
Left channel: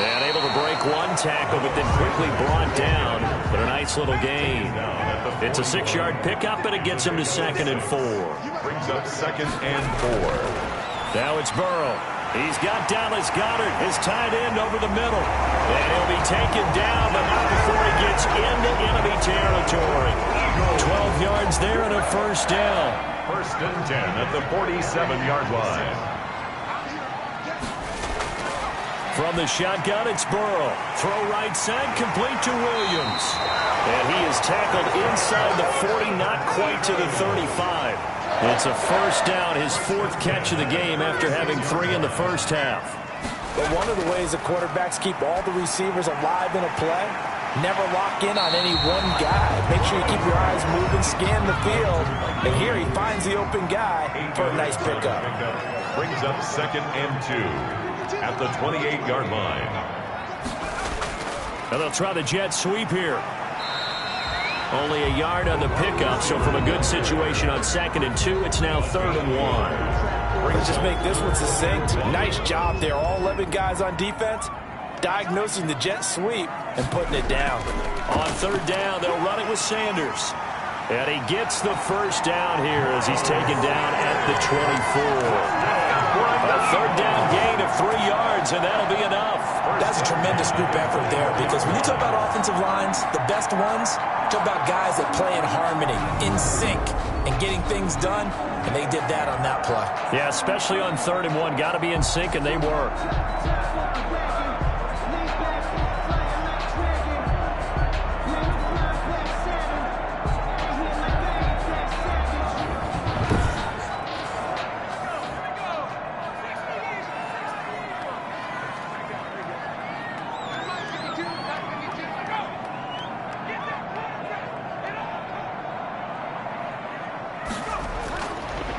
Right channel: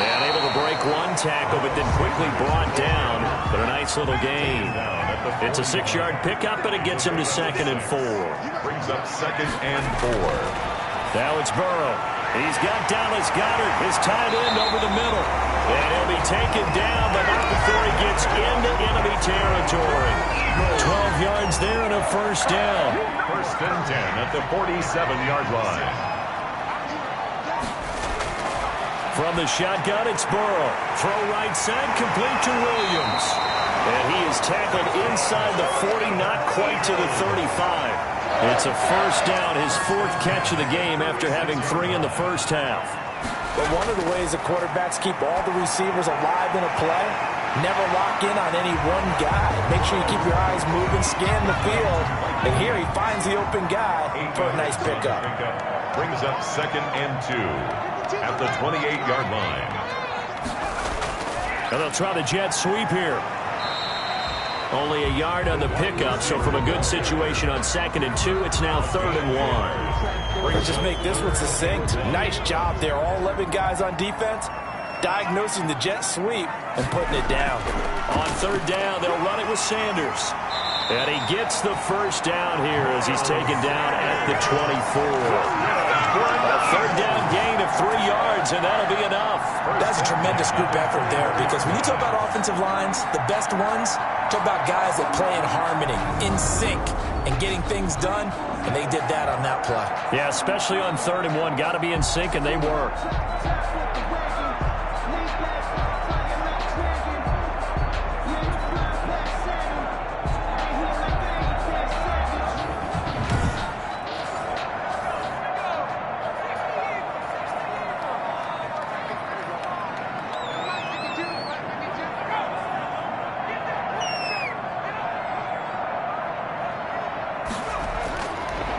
And able to break one tackle, but then quickly brought down. But a nice little gain. It's a 6-yard pickup, and it gets him to 2nd and 4. Brings up 2nd and 4. Now it's Burrow. He's got Dallas Goedert, his tight end, over the middle. And he'll be taken down, but not before he gets into enemy territory. 12 yards there and a first down. 1st and 10 at the 47-yard line. From the shotgun, it's Burrow. Throw right side, complete to Williams. And he is tackled inside the 40, not quite to the 35. It's a first down, his 4th catch of the game after having 3 in the first half. But one of the ways the quarterbacks keep all the receivers alive in a play, never lock in on any one guy. Make sure you keep your eyes moving, scan the field. And here he finds the open guy for a nice pickup. Brings up 2nd and 2 at the 28-yard line. And they'll try the jet sweep here. Only a yard on the pickup, so from a good situation on 2nd and 2, it's now 3rd and 1. We're going to just make this one succinct. Nice job there. All 11 guys on defense diagnosing the jet sweep and putting it down. On 3rd down, they'll run it with Sanders. And he gets the first down here as he's taken down at the 24. A 3rd down gain of 3 yards, and that'll be enough. That's a tremendous group effort there, because when you talk about offensive lines, the best ones, talk about guys that play in harmony, in sync, and getting things done, and they did that on that play. Yeah, especially on 3rd and 1. Got to be in sync, and they were.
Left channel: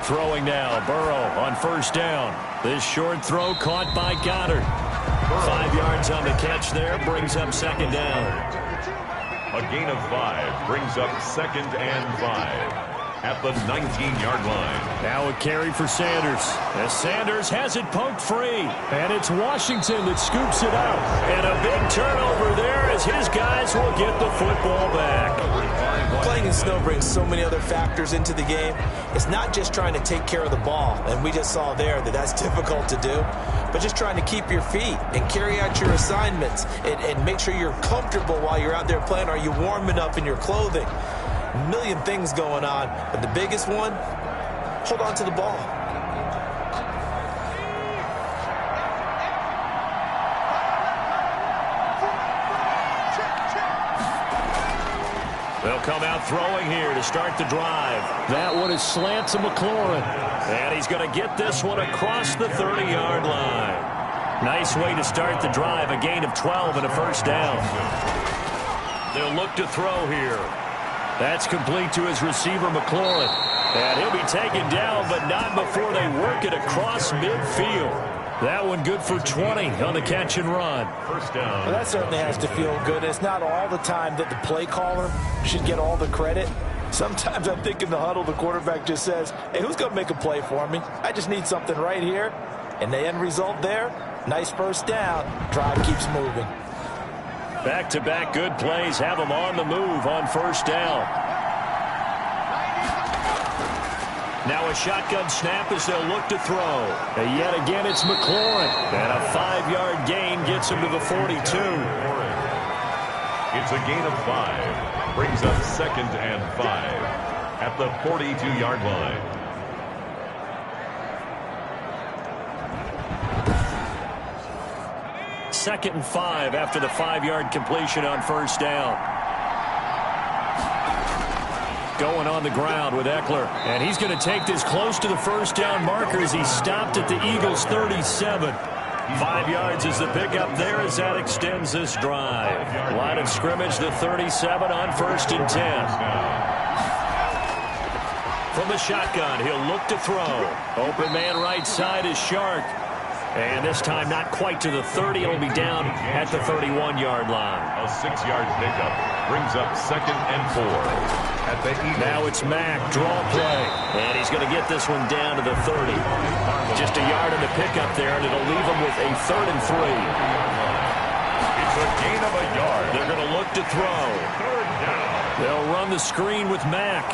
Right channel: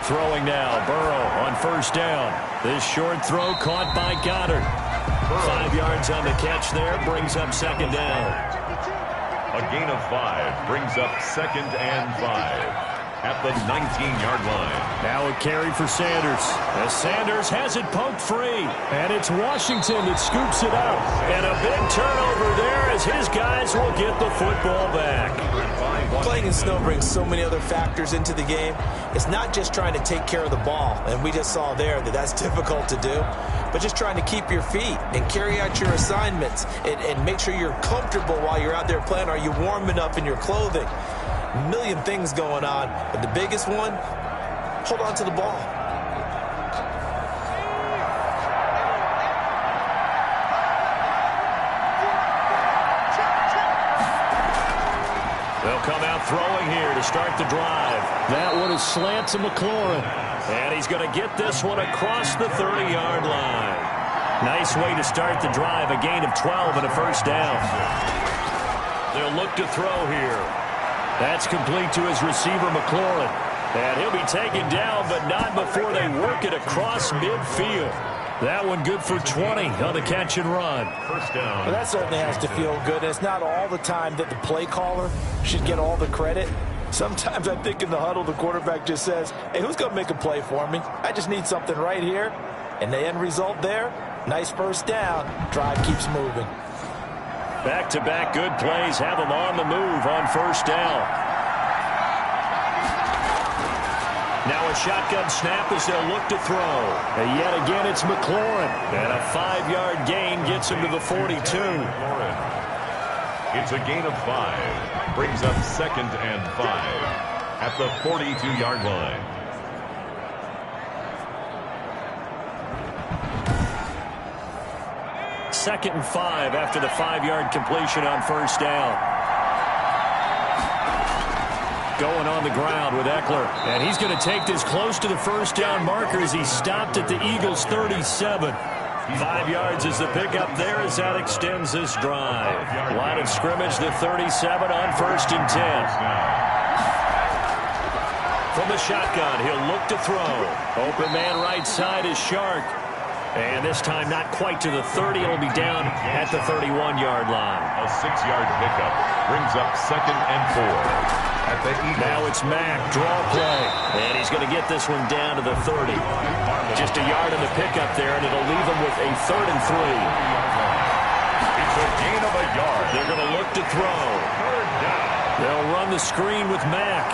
Throwing now, Burrow on 1st down. This short throw caught by Goddard. 5 yards on the catch there, brings up 2nd down. A gain of 5 brings up 2nd and 5 at the 19-yard line. Now a carry for Sanders. As Sanders has it poked free. And it's Washington that scoops it up. And a big turnover there as his guys will get the football back. Playing in snow brings so many other factors into the game. It's not just trying to take care of the ball. And we just saw there that that's difficult to do. But just trying to keep your feet and carry out your assignments. And make sure you're comfortable while you're out there playing. Are you warm enough in your clothing? A million things going on, but the biggest one, hold on to the ball. They'll come out throwing here to start the drive. That one is slant to McLaurin. And he's going to get this one across the 30-yard line. Nice way to start the drive, a gain of 12 and a first down. They'll look to throw here. That's complete to his receiver, McLaurin. And he'll be taken down, but not before they work it across midfield. That one good for 20 on the catch and run. First down. Well, that certainly has to feel good. It's not all the time that the play caller should get all the credit. Sometimes I think in the huddle, the quarterback just says, hey, who's going to make a play for me? I just need something right here. And the end result there, nice first down. Drive keeps moving. Back-to-back good plays have them on the move on first down. Now a shotgun snap as they'll look to throw. And yet again, it's McLaurin. And a 5-yard gain gets him to the 42. It's a gain of 5. Brings up 2nd and 5 at the 42-yard line. Second and 5 after the 5-yard completion on first down. Going on the ground with Eckler. And he's going to take this close to the first down marker as he stopped at the Eagles' 37. 5 yards is the pickup there as that extends this drive. Line of scrimmage, the 37 on 1st and 10. From the shotgun, he'll look to throw. Open man right side is Shark. And this time not quite to the 30. It'll be down at the 31-yard line. A 6-yard pickup brings up 2nd and 4 at the Eagles. Now it's Mack, draw play. And he's going to get this one down to the 30. Just a yard on the pickup there, and it'll leave him with a 3rd and 3. It's a gain of a yard. They're going to look to throw. 3rd down. They'll run the screen with Mack.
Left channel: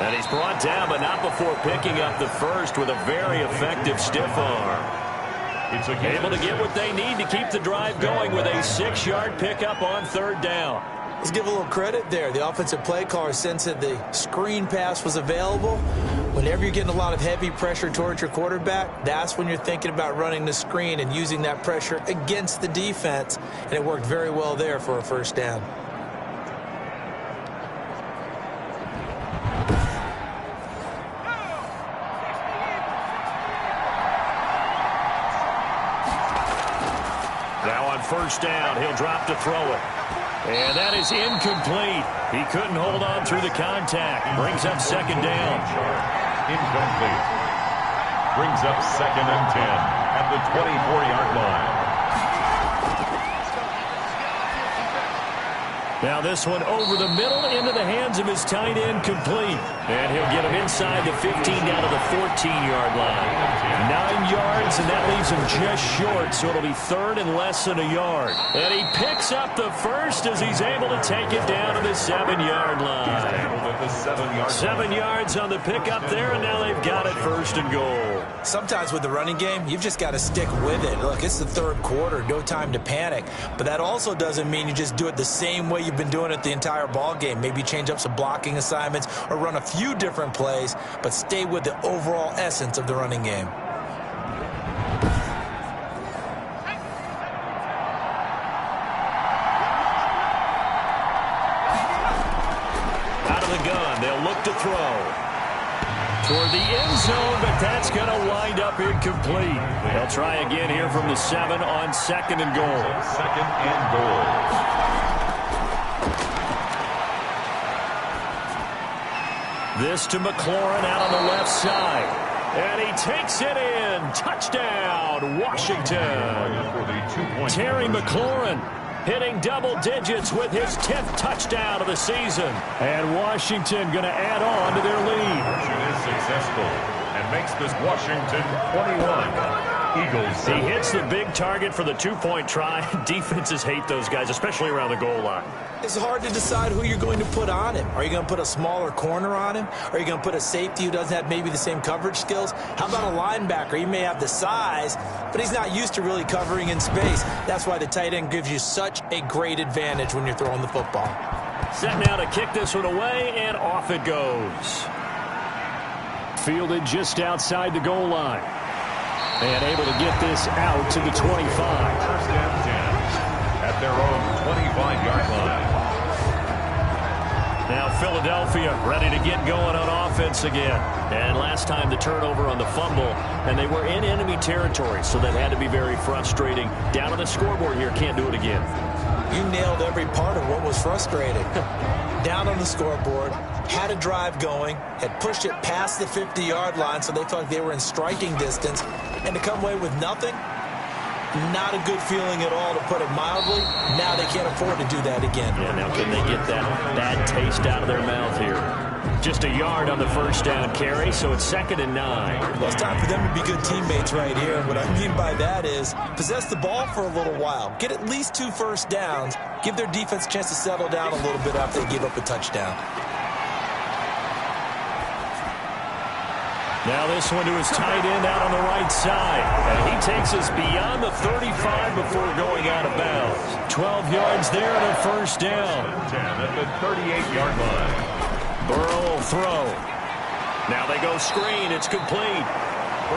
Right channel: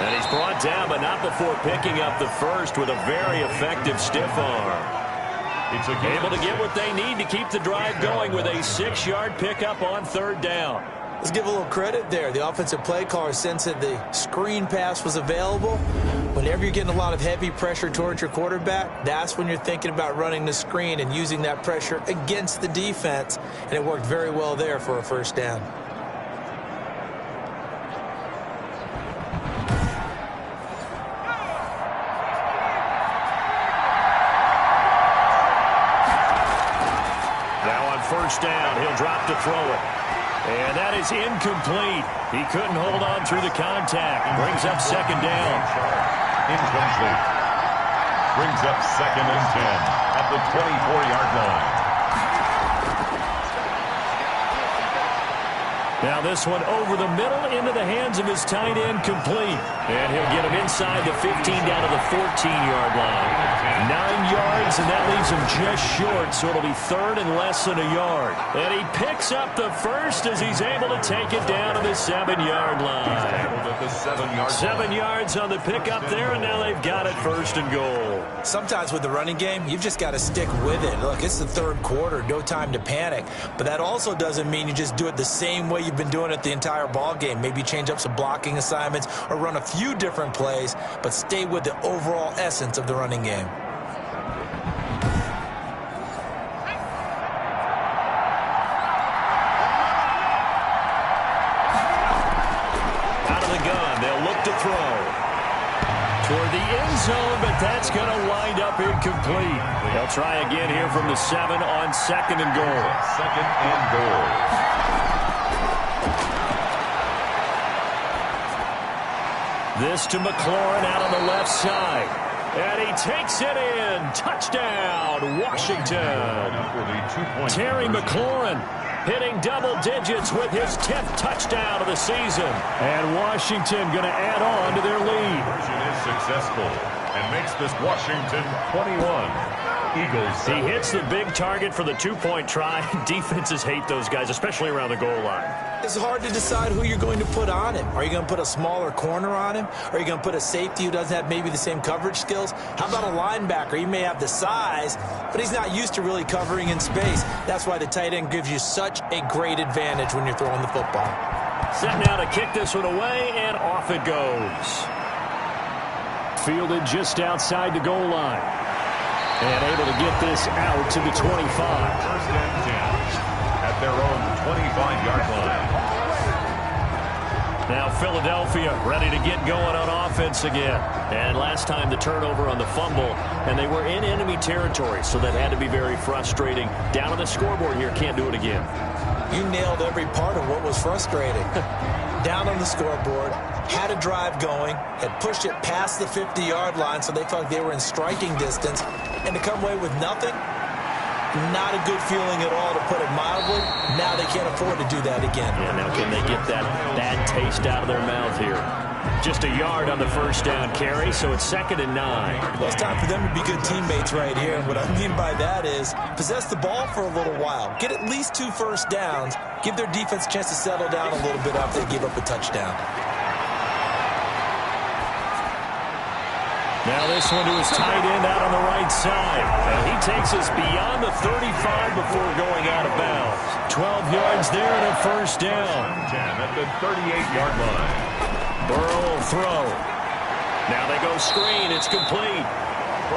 And he's brought down, but not before picking up the first with a very effective stiff arm. It's able to get what they need to keep the drive going with a 6-yard pickup on 3rd down. Let's give a little credit there. The offensive play caller sensed that the screen pass was available. Whenever you're getting a lot of heavy pressure towards your quarterback, that's when you're thinking about running the screen and using that pressure against the defense. And it worked very well there for a first down. Now on first down, he'll drop to throw it. And that is incomplete. He couldn't hold on through the contact. Brings up 2nd down. Incomplete. Brings up 2nd and 10 at the 24-yard line. Now this one over the middle into the hands of his tight end, complete. And he'll get him inside the 15 down to the 14-yard line. 9 yards, and that leaves him just short, so it'll be 3rd and less than a yard. And he picks up the first as he's able to take it down to the 7-yard line. 7 yards on the pickup there, and now they've got it 1st and goal. Sometimes with the running game, you've just got to stick with it. Look, it's the 3rd quarter, no time to panic. But that also doesn't mean you just do it the same way you've been doing it the entire ball game. Maybe change up some blocking assignments or run a few different plays, but stay with the overall essence of the running game. Out of the gun, they'll look to throw. Toward the end zone, but that's going to wind up incomplete. They'll try again here from the 7 on 2nd and goal. 2nd and goal. This to McLaurin out on the left side. And he takes it in. Touchdown, Washington. Terry McLaurin. hitting double digits with his 10th touchdown of the season. And Washington going to add on to their lead. Conversion is successful and makes this Washington 21. Eagles. He hits the big target for the two-point try. Defenses hate those guys, especially around the goal line. It's hard to decide who you're going to put on him. Are you going to put a smaller corner on him? Are you going to put a safety who doesn't have maybe the same coverage skills? How about a linebacker? He may have the size, but he's not used to really covering in space. That's why the tight end gives you such a great advantage when you're throwing the football. Set now to kick this one away, and off it goes. Fielded just outside the goal line. And able to get this out to the 25. First and 10 at their own 25-yard line. Now Philadelphia ready to get going on offense again. And last time the turnover on the fumble, and they were in enemy territory, so that had to be very frustrating. Down on the scoreboard here, can't do it again. You nailed every part of what was frustrating. Down on the scoreboard, had a drive going, had pushed it past the 50-yard line, so they felt like they were in striking distance, and to come away with nothing, not a good feeling at all, to put it mildly. Now they can't afford to do that again. Yeah, now can they get that bad taste out of their mouth here? Just a yard on the first down carry, so it's 2nd and 9. Well, it's time for them to be good teammates right here. What I mean by that is possess the ball for a little while. Get at least 2 first downs. Give their defense a chance to settle down a little bit after they give up a touchdown. Now this one to his tight end out on the right side. And he takes us beyond the 35 before going out of bounds. 12 yards there and a first down. 10 at the 38-yard line. Burrow will throw. Now they go screen. It's complete.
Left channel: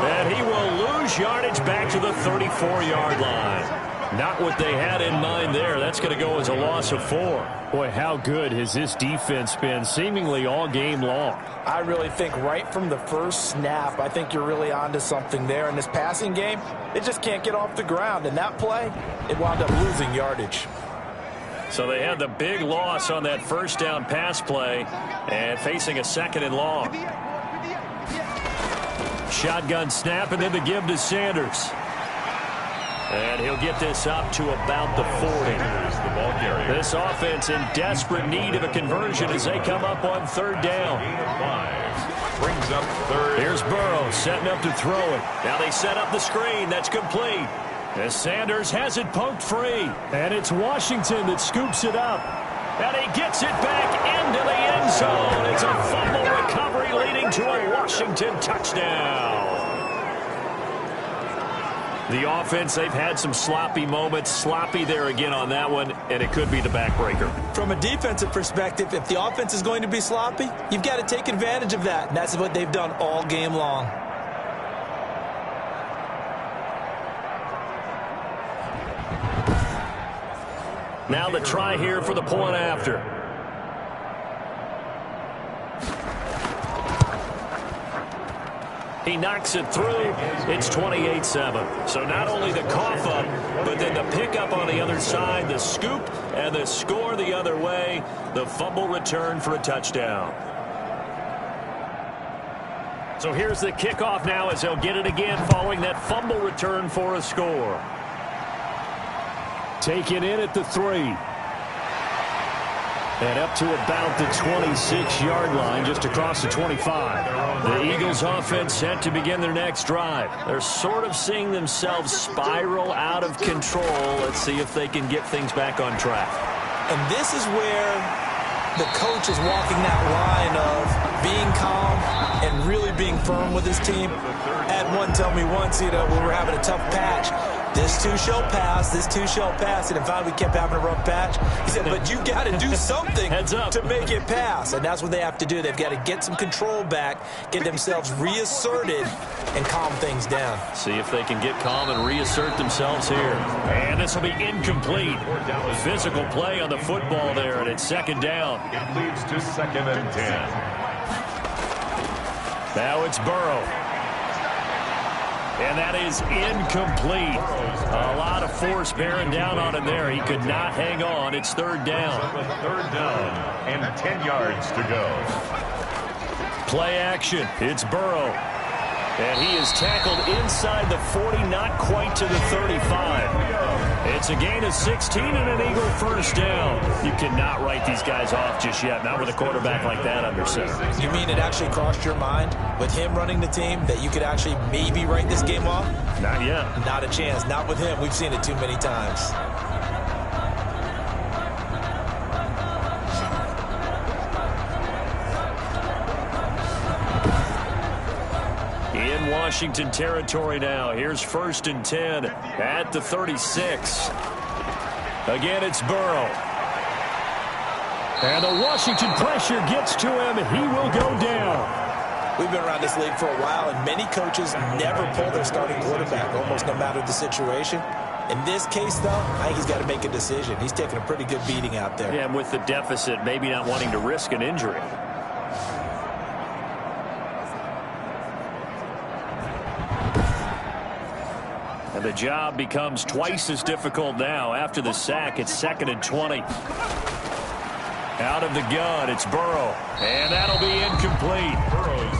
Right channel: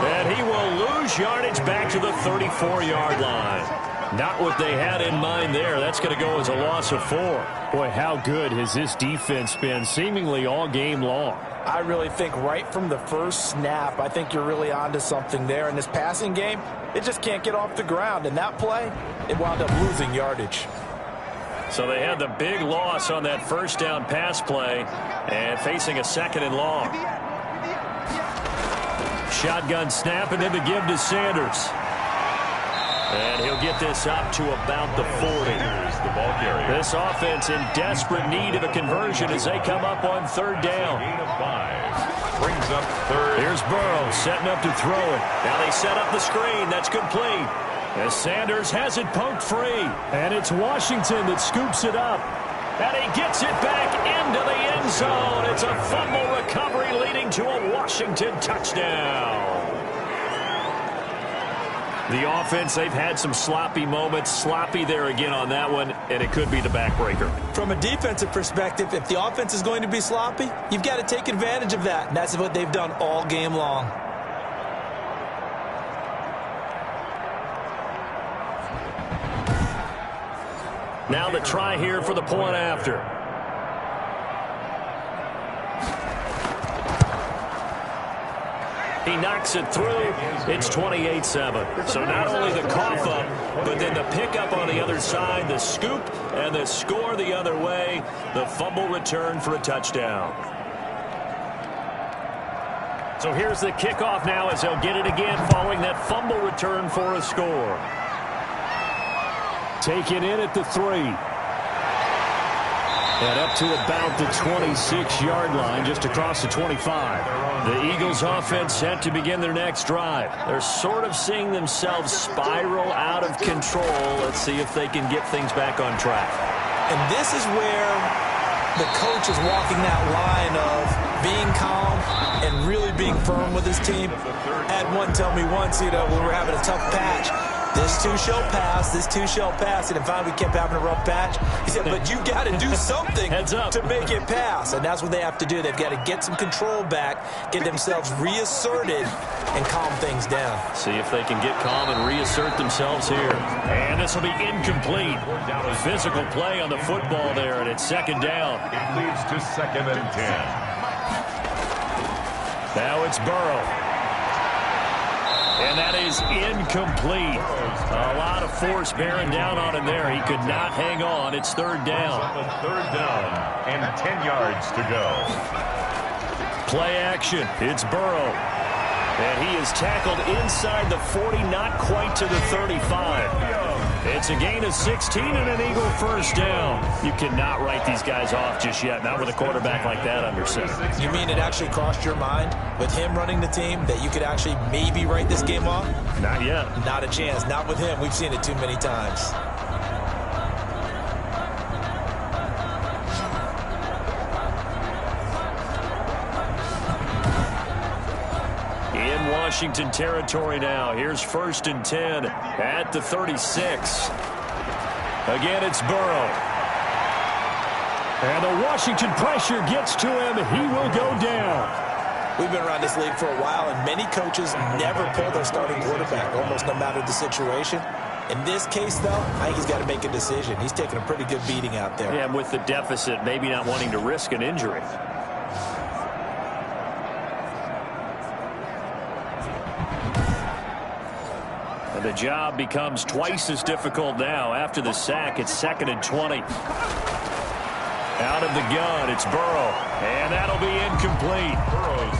And he will lose yardage back to the 34-yard line. Not what they had in mind there. That's going to go as a loss of 4. Boy, how good has this defense been seemingly all game long? I really think right from the first snap, I think you're really onto something there. In this passing game, it just can't get off the ground. And that play, it wound up losing yardage. So they had the big loss on that first down pass play and facing a 2nd and long. Shotgun snap and then the give to Sanders. And he'll get this up to about the 40. The ball carrier. This offense in desperate need of a conversion as they come up on 3rd down. Gain of 5. Brings up 3rd. Here's Burrow setting up to throw it. Now they set up the screen. That's complete. As Sanders has it poked free. And it's Washington that scoops it up. And he gets it back into the end zone. It's a fumble recovery leading to a Washington touchdown. The offense, they've had some sloppy moments. Sloppy there again on that one, and it could be the backbreaker. From a defensive perspective, if the offense is going to be sloppy, you've got to take advantage of that. And that's what they've done all game long. Now the try here for the point after. He knocks it through. It's 28-7. So not only the cough up, but then the pickup on the other side, the scoop, and the score the other way. The fumble return for a touchdown. So here's the kickoff now as they'll get it again following that fumble return for a score. Taken in at the 3. And up to about the 26-yard line, just across the 25. The Eagles offense set to begin their next drive. They're sort of seeing themselves spiral out of control. Let's see if they can get things back on track. And this is where the coach is walking that line of being calm and really being firm with his team. I had one tell me once, when we were having a tough patch, this too shall pass, this too shall pass. And finally we kept having a rough patch. He said, but you got to do something to make it pass. And that's what they have to do. They've got to get some control back, get themselves reasserted, and calm things down. See if they can get calm and reassert themselves here. And this will be incomplete. Physical play on the football there, and it's 2nd down. It leads to 2nd and 10. Now it's Burrow. And that is incomplete. A lot of force bearing down on him there. He could not hang on. It's 3rd down. 3rd down and 10 yards to go. Play action. It's Burrow. And he is tackled inside the 40, not quite to the 35. It's It's a gain of 16 and an Eagle first down. You cannot write these guys off just yet, not with a quarterback like that under center. You mean it actually crossed your mind with him running the team that you could actually maybe write this game off? Not yet. Not a chance. Not with him. We've seen it too many times. In Washington territory now. Here's 1st and 10 at the 36. Again, it's Burrow. And the Washington pressure gets to him. He will go down. We've been around this league for a while, and many coaches never pull their starting quarterback, almost no matter the situation. In this case, though, I think he's got to make a decision. He's taking a pretty good beating out there. Yeah, and with the deficit, maybe not wanting to risk an injury. And the job becomes twice as difficult now. After the sack, it's 2nd and 20. Out of the gun, it's Burrow. And that'll be incomplete.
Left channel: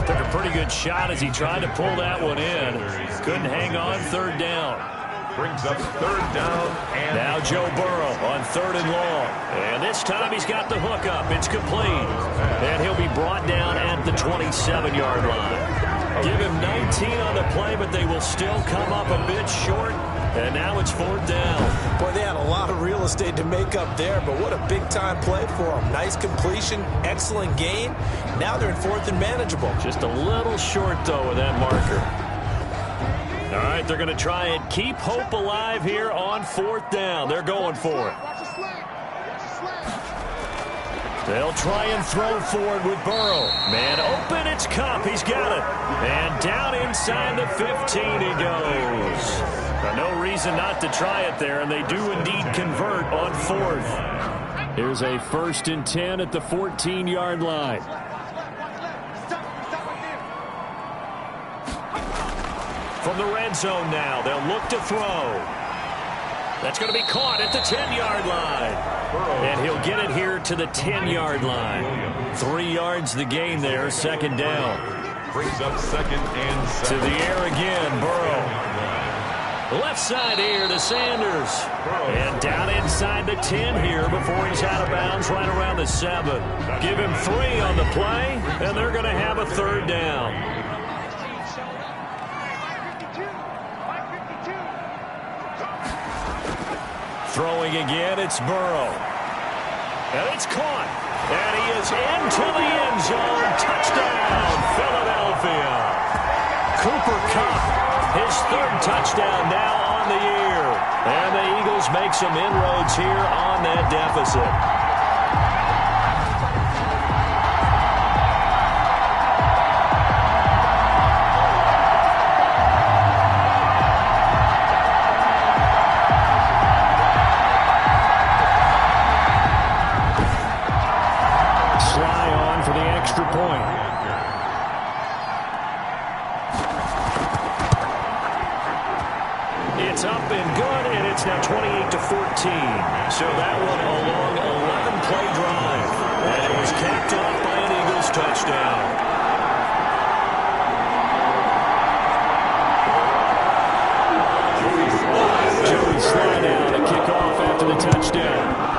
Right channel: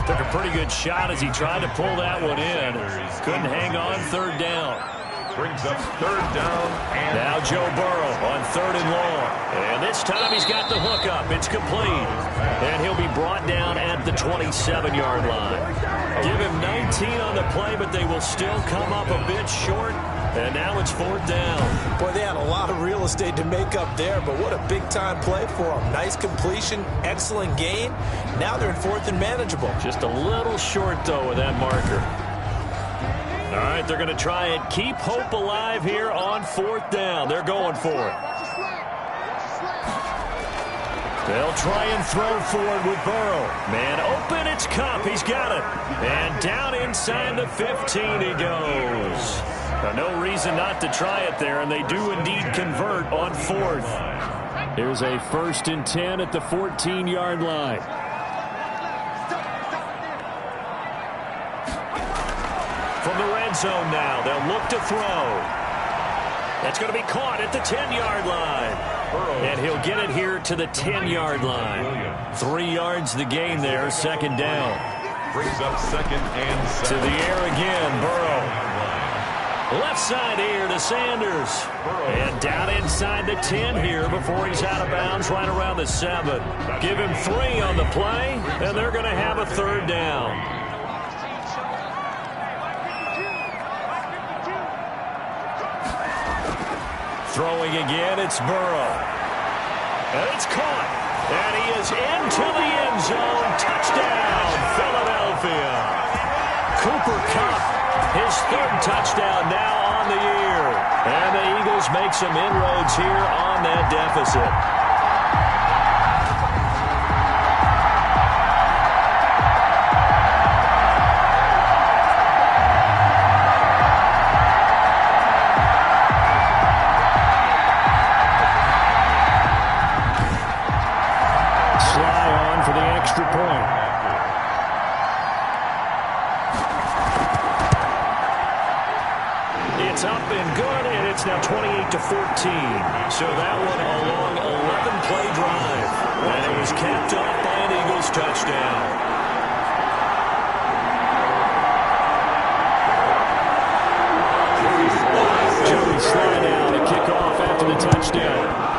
Took a pretty good shot as he tried to pull that one in. Couldn't hang on 3rd down. Brings up 3rd down. And now Joe Burrow on 3rd and long. And this time he's got the hook up. It's complete. And he'll be brought down at the 27-yard line. Give him 19 on the play, but they will still come up a bit short. And now it's 4th down. Boy, they had a lot of real estate to make up there, but what a big-time play for them. Nice completion, excellent gain. Now they're in 4th and manageable. Just a little short, though, with that marker. All right, they're going to try and keep hope alive here on 4th down. They're going for it. They'll try and throw forward with Burrow. Man open, it's Kupp. He's got it. And down inside the 15 he goes. No reason not to try it there, and they do indeed convert on 4th. Here's a 1st and 10 at the 14-yard line. From the red zone now, they'll look to throw. That's going to be caught at the 10-yard line. And he'll get it here to the 10-yard line. 3 yards the gain there, 2nd down. Brings up 2nd and 7. To the air again, Burrow. Left side here to Sanders. And down inside the 10 here before he's out of bounds right around the 7. Give him 3 on the play, and they're going to have a 3rd down. Throwing again, it's Burrow. And it's caught. And he is into the end zone. Touchdown, Philadelphia. Cooper Kupp, his 3rd touchdown now on the year. And the Eagles make some inroads here on that deficit. For the extra point. It's up and good, and it's now 28-14. So that one a long 11-play drive. And it was capped off by an Eagles touchdown. Joey Slye now to kick off after the touchdown.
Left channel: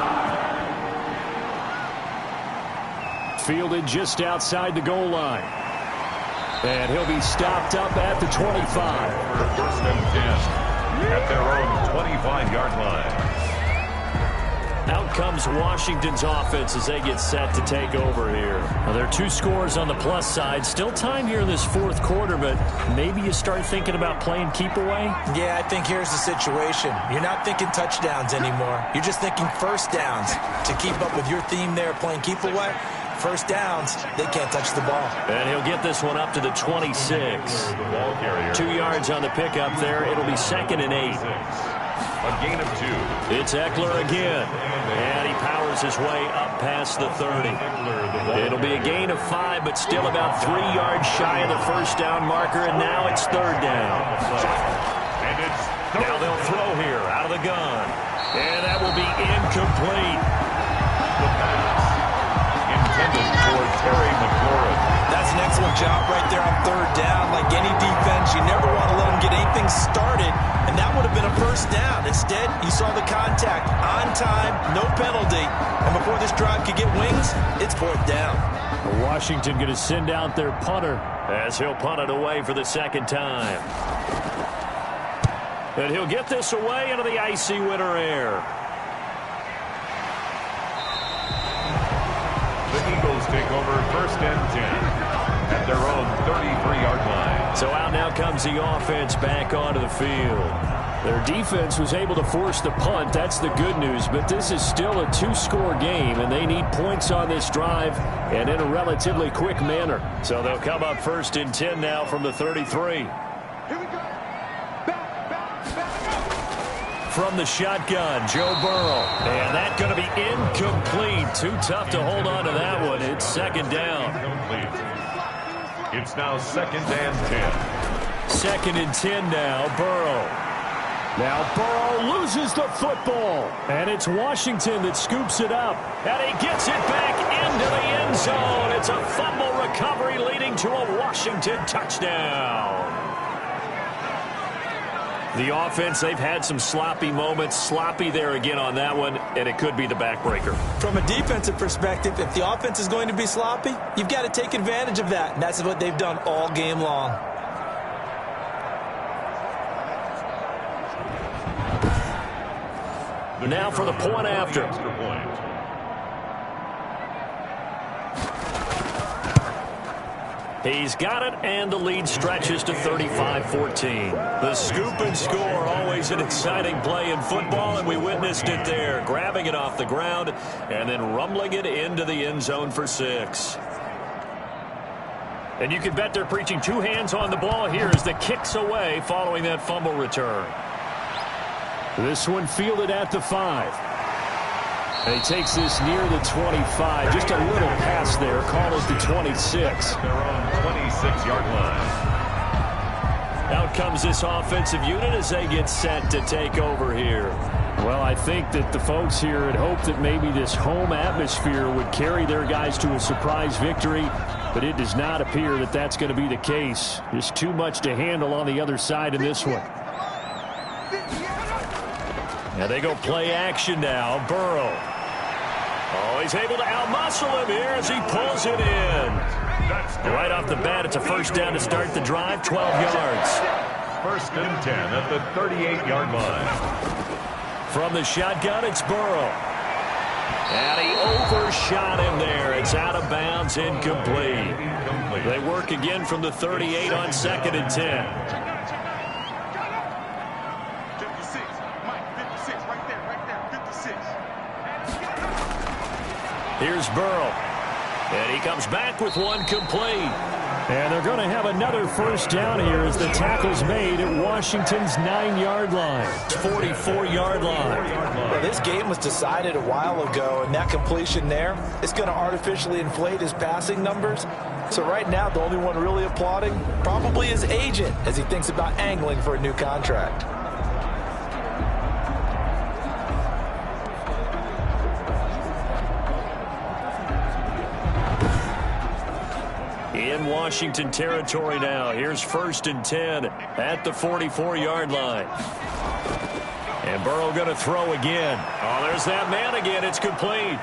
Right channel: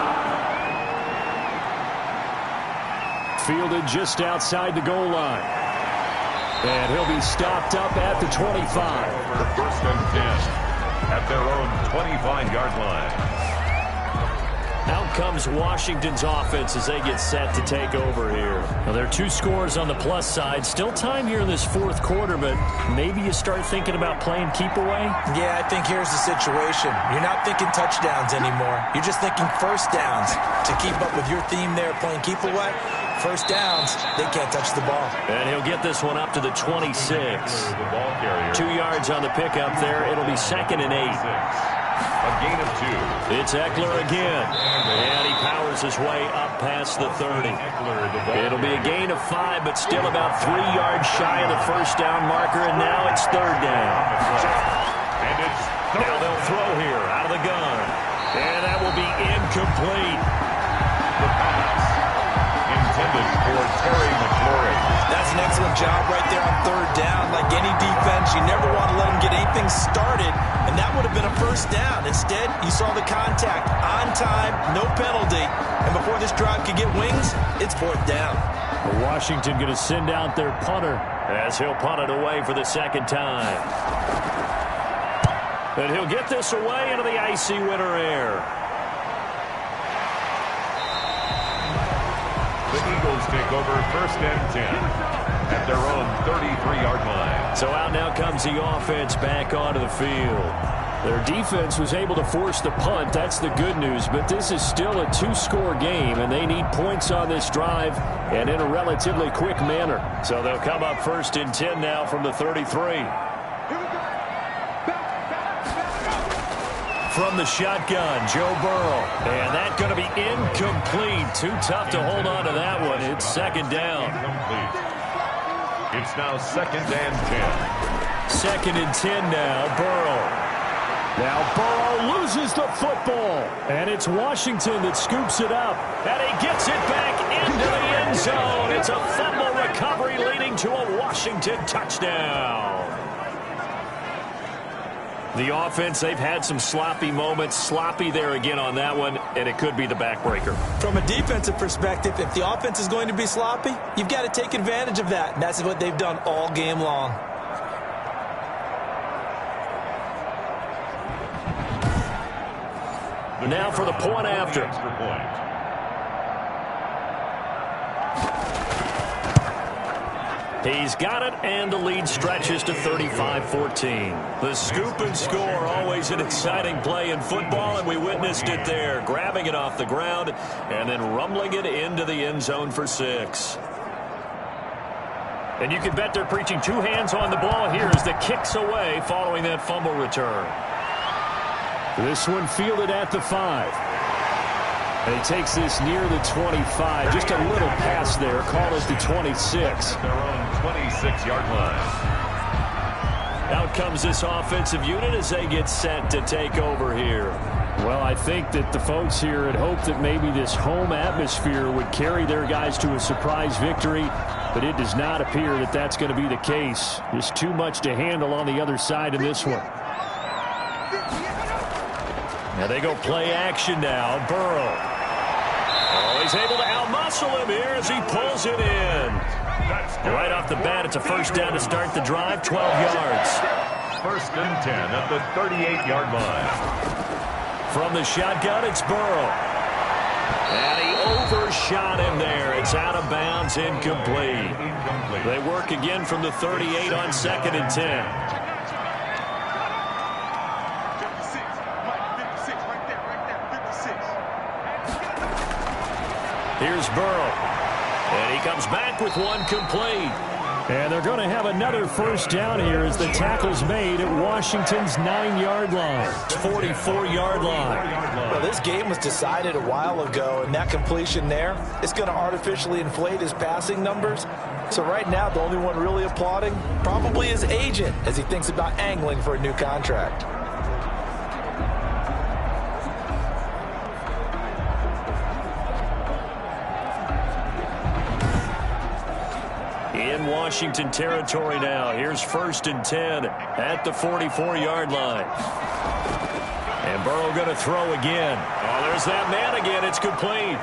Fielded just outside the goal line. And he'll be stopped up at the 25. For 1st and 10 at their own 25-yard line. Out comes Washington's offense as they get set to take over here. Now, there are 2 scores on the plus side. Still time here in this 4th quarter, but maybe you start thinking about playing keep away? Yeah, I think here's the situation. You're not thinking touchdowns anymore. You're just thinking 1st downs. To keep up with your theme there, playing keep away, 1st downs, they can't touch the ball. And he'll get this one up to the 26. The ball carrier. 2 yards on the pickup there. It'll be 2nd and 8. A gain of 2. It's Eckler again. And he powers his way up past the 30. It'll be a gain of 5, but still about 3 yards shy of the 1st down marker, and now it's 3rd down. And it's now they'll throw here out of the gun. And that will be incomplete. The pass. intended for Terry McLaurin. That's an excellent job right there on third down. Like any defense, you never want to let them get anything started, and that would have been a first down. Instead, you saw the contact on time, no penalty, and before this drive could get wings, it's fourth down. Washington going to send out their punter as he'll punt it away for the second time. And he'll get this away into the icy winter air. The Eagles take over first and 10 at their own 33-yard line. So out now comes the offense back onto the field. Their defense was able to force the punt. That's the good news. But this is still a two-score game, and they need points on this drive and in a relatively quick manner. So they'll come up first and 10 now from the 33. From the shotgun, Joe Burrow. And that's going to be incomplete. Too tough to hold on to that one. It's second down. Incomplete. It's now second and 10. Second and 10 now, Burrow. Now Burrow loses the football. And it's Washington that scoops it up. And he gets it back into the end zone. It's a fumble recovery leading to a Washington touchdown. The offense, they've had some sloppy moments. Sloppy there again on that one, and it could be the backbreaker. From a defensive perspective, if the offense is going to be sloppy, you've got to take advantage of that, and that's what they've done all game long. Now for the point after. Extra point. He's got it, and the lead stretches to 35-14. The scoop and score, always an exciting play in football, and we witnessed it there, grabbing it off the ground and then rumbling it into the end zone for 6. And you can bet they're preaching two hands on the ball here as the kick's away following that fumble return. This one fielded at the 5. And he takes this near the 25. Just a little pass there. Call it the 26. Their own 26-yard line. Out comes this offensive unit as they get set to take over here. Well, I think that the folks here had hoped that maybe this home atmosphere would carry their guys to a surprise victory, but it does not appear that that's going to be the case. Just too much to handle on the other side in this one. Now they go play action now. Burrow. Oh, he's able to outmuscle him here as he pulls it in. Right off the bat, it's a first down to start the drive, 12 yards. First and 10 at the 38-yard line. From the shotgun, it's Burrow. And he overshot him there. It's out of bounds, incomplete. They work again from the 38 on second and 10. Here's Burrow. And he comes back with one complete. And they're going to have another first down here as the tackle's made at Washington's 9-yard line. 44-yard line. Well, this game was decided a while ago, and that completion there is going to artificially inflate his passing numbers. So right now, the only one really applauding probably his agent as he thinks about angling for a new contract. In Washington territory now. Here's first and 10 at the 44-yard line. And Burrow going to throw again. Oh, there's that man again. It's complete.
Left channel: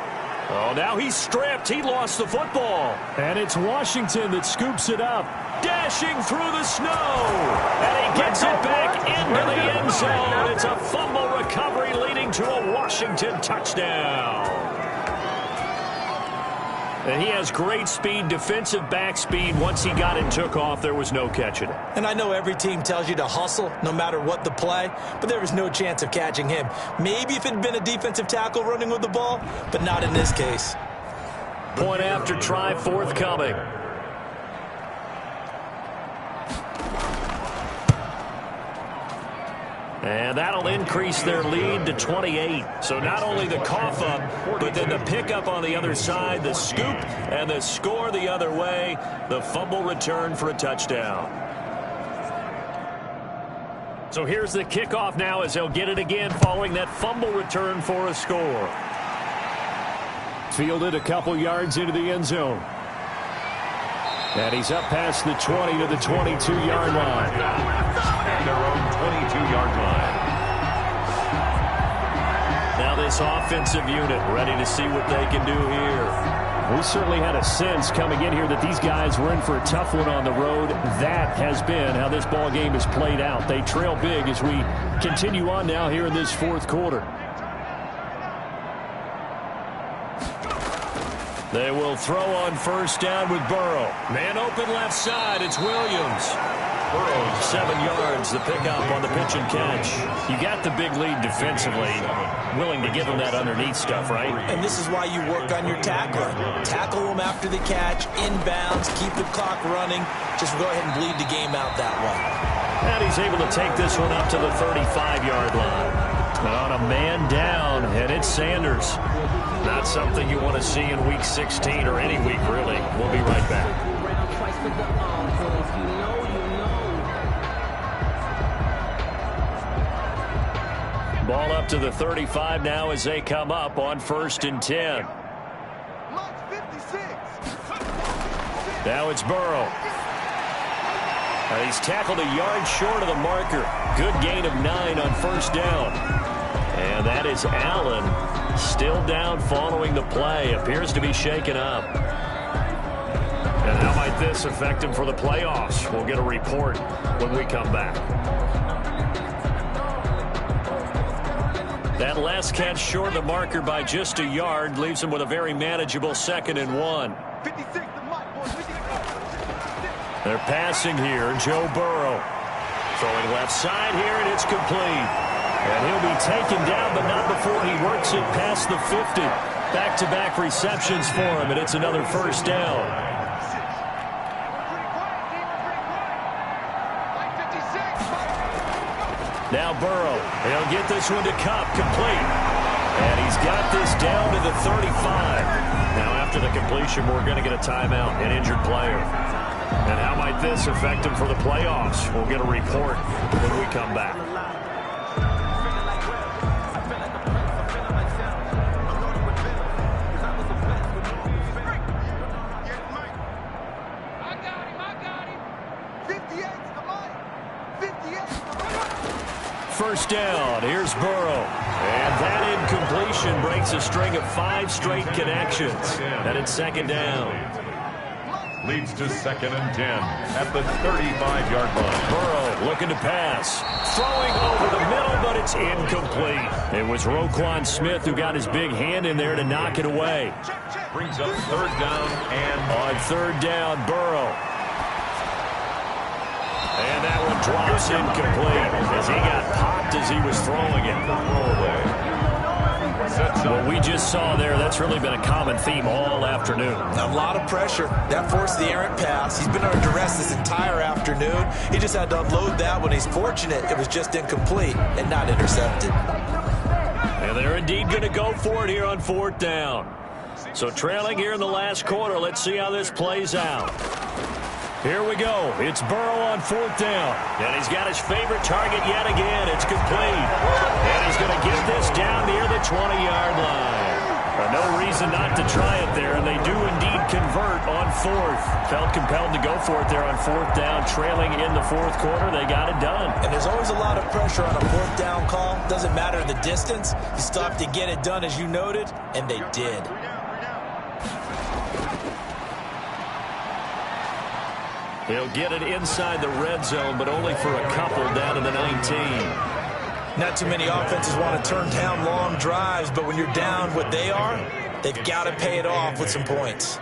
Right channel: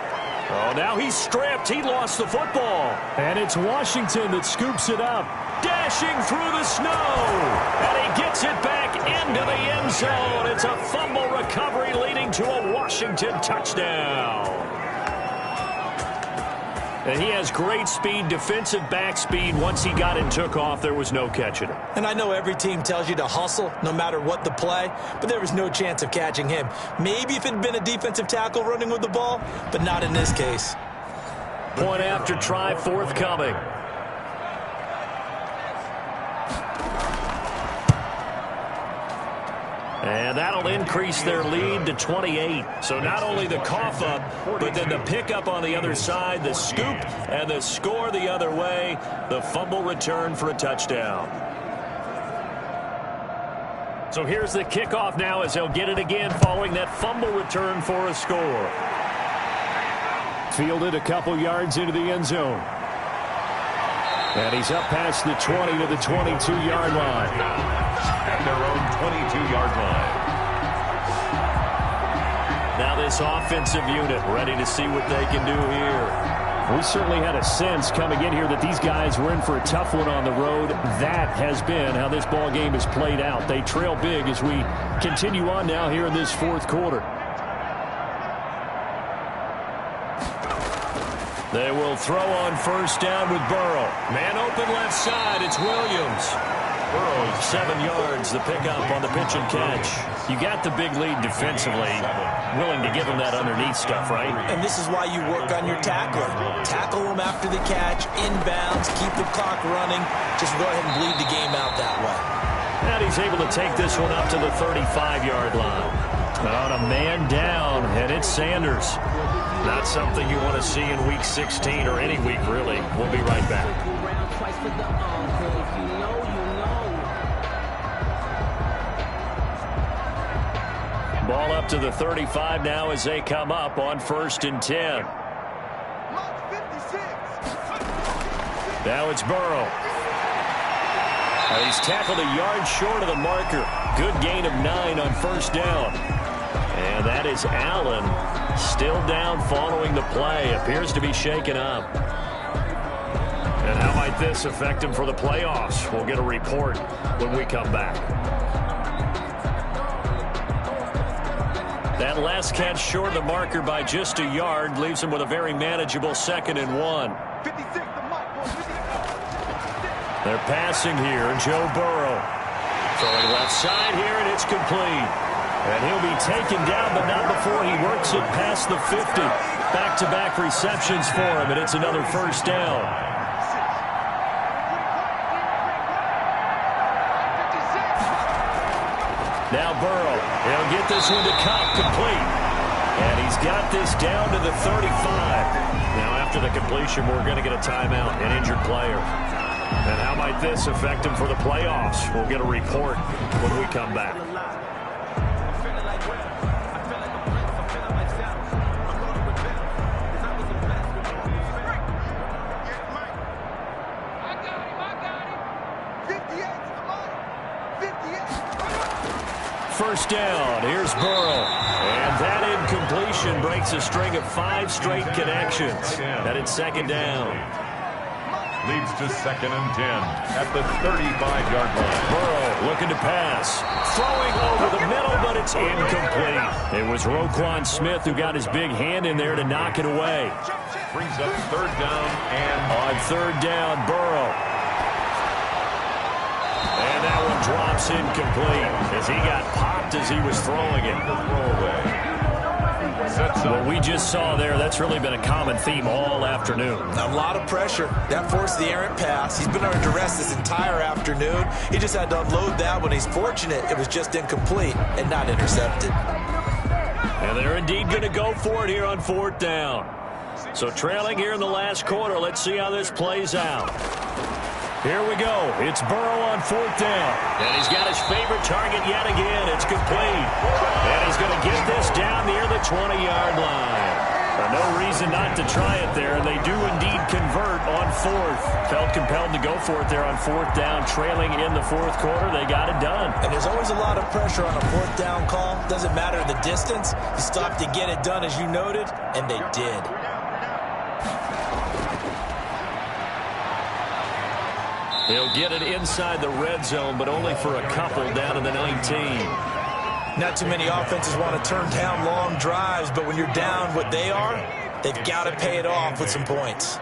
Oh, now he's stripped. He lost the football. And it's Washington that scoops it up. Dashing through the snow. And he gets it back into the end zone. It's a fumble recovery leading to a Washington touchdown. And he has great speed, defensive back speed. Once he got and took off, there was no catching it. And I know every team tells you to hustle no matter what the play, but there was no chance of catching him. Maybe if it had been a defensive tackle running with the ball, but not in this case. Point after try forthcoming. And that'll increase their lead to 28. So not only the cough up, but then the pickup on the other side, the scoop, and the score the other way, the fumble return for a touchdown. So here's the kickoff now as they'll get it again following that fumble return for a score. Fielded a couple yards into the end zone. And he's up past the 20 to the 22-yard line. At their own 22-yard line. Now this offensive unit ready to see what they can do here. We certainly had a sense coming in here that these guys were in for a tough one on the road. That has been how this ball game has played out. They trail big as we continue on now here in this fourth quarter. They will throw on first down with Burrow. Man open left side. It's Williams. Burrow's 7 yards, the pickup on the pitch and catch. You got the big lead defensively. Willing to give them that underneath stuff, right? And this is why you work on your tackler. Tackle them after the catch, inbounds, keep the clock running. Just go ahead and bleed the game out that way. And he's able to take this one up to the 35-yard line. On a man down, and it's Sanders. Not something you want to see in Week 16 or any week, really. We'll be right back. Ball up to the 35 now as they come up on 1st and 10. Now it's Burrow. He's tackled a yard short of the marker. Good gain of 9 on first down. And that is Allen still down following the play. Appears to be shaken up. And how might this affect him for the playoffs? We'll get a report when we come back. That last catch short of the marker by just a yard leaves him with a very manageable 2nd and 1. They're passing here. Joe Burrow throwing left side here, and it's complete. And he'll be taken down, but not before he works it past the 50. Back-to-back receptions for him, and it's another first down. Now Burrow, he'll get this one to Kupp, complete. And he's got this down to the 35. Now after the completion, we're going to get a timeout, an injured player. And how might this affect him for the playoffs? We'll get a report when we come back. First down, here's Burrow. And that incompletion breaks a string of 5 straight connections. And it's 2nd down. leads to 2nd and 10 at the 35-yard line. Burrow looking to pass. Throwing over the middle, but it's incomplete. It was Roquan Smith who got his big hand in there to knock it away. Brings up 3rd down and... On 3rd down, Burrow. And that one drops incomplete as he got popped as he was throwing it. Throwaway. What we just saw there, that's really been a common theme all afternoon. A lot of pressure. That forced the errant pass. He's been under duress this entire afternoon. He just had to unload that when he's fortunate it was just incomplete and not intercepted. And they're indeed going to go for it here on 4th down. So trailing here in the last quarter, let's see how this plays out. Here we go. It's Burrow on 4th down. And he's got his favorite target yet again. It's complete. And he's going to get this down near the 20-yard line. No reason not to try it there, and they do indeed convert on 4th. Felt compelled to go for it there on 4th down, trailing in the 4th quarter. They got it done. And there's always a lot of pressure on a 4th down call. Doesn't matter the distance. You stop to get it done, as you noted, and they did. He'll get it inside the red zone, but only for a couple down in the 19. Not too many offenses want to turn down long drives, but when you're down what they are, they've got to pay it off with some points.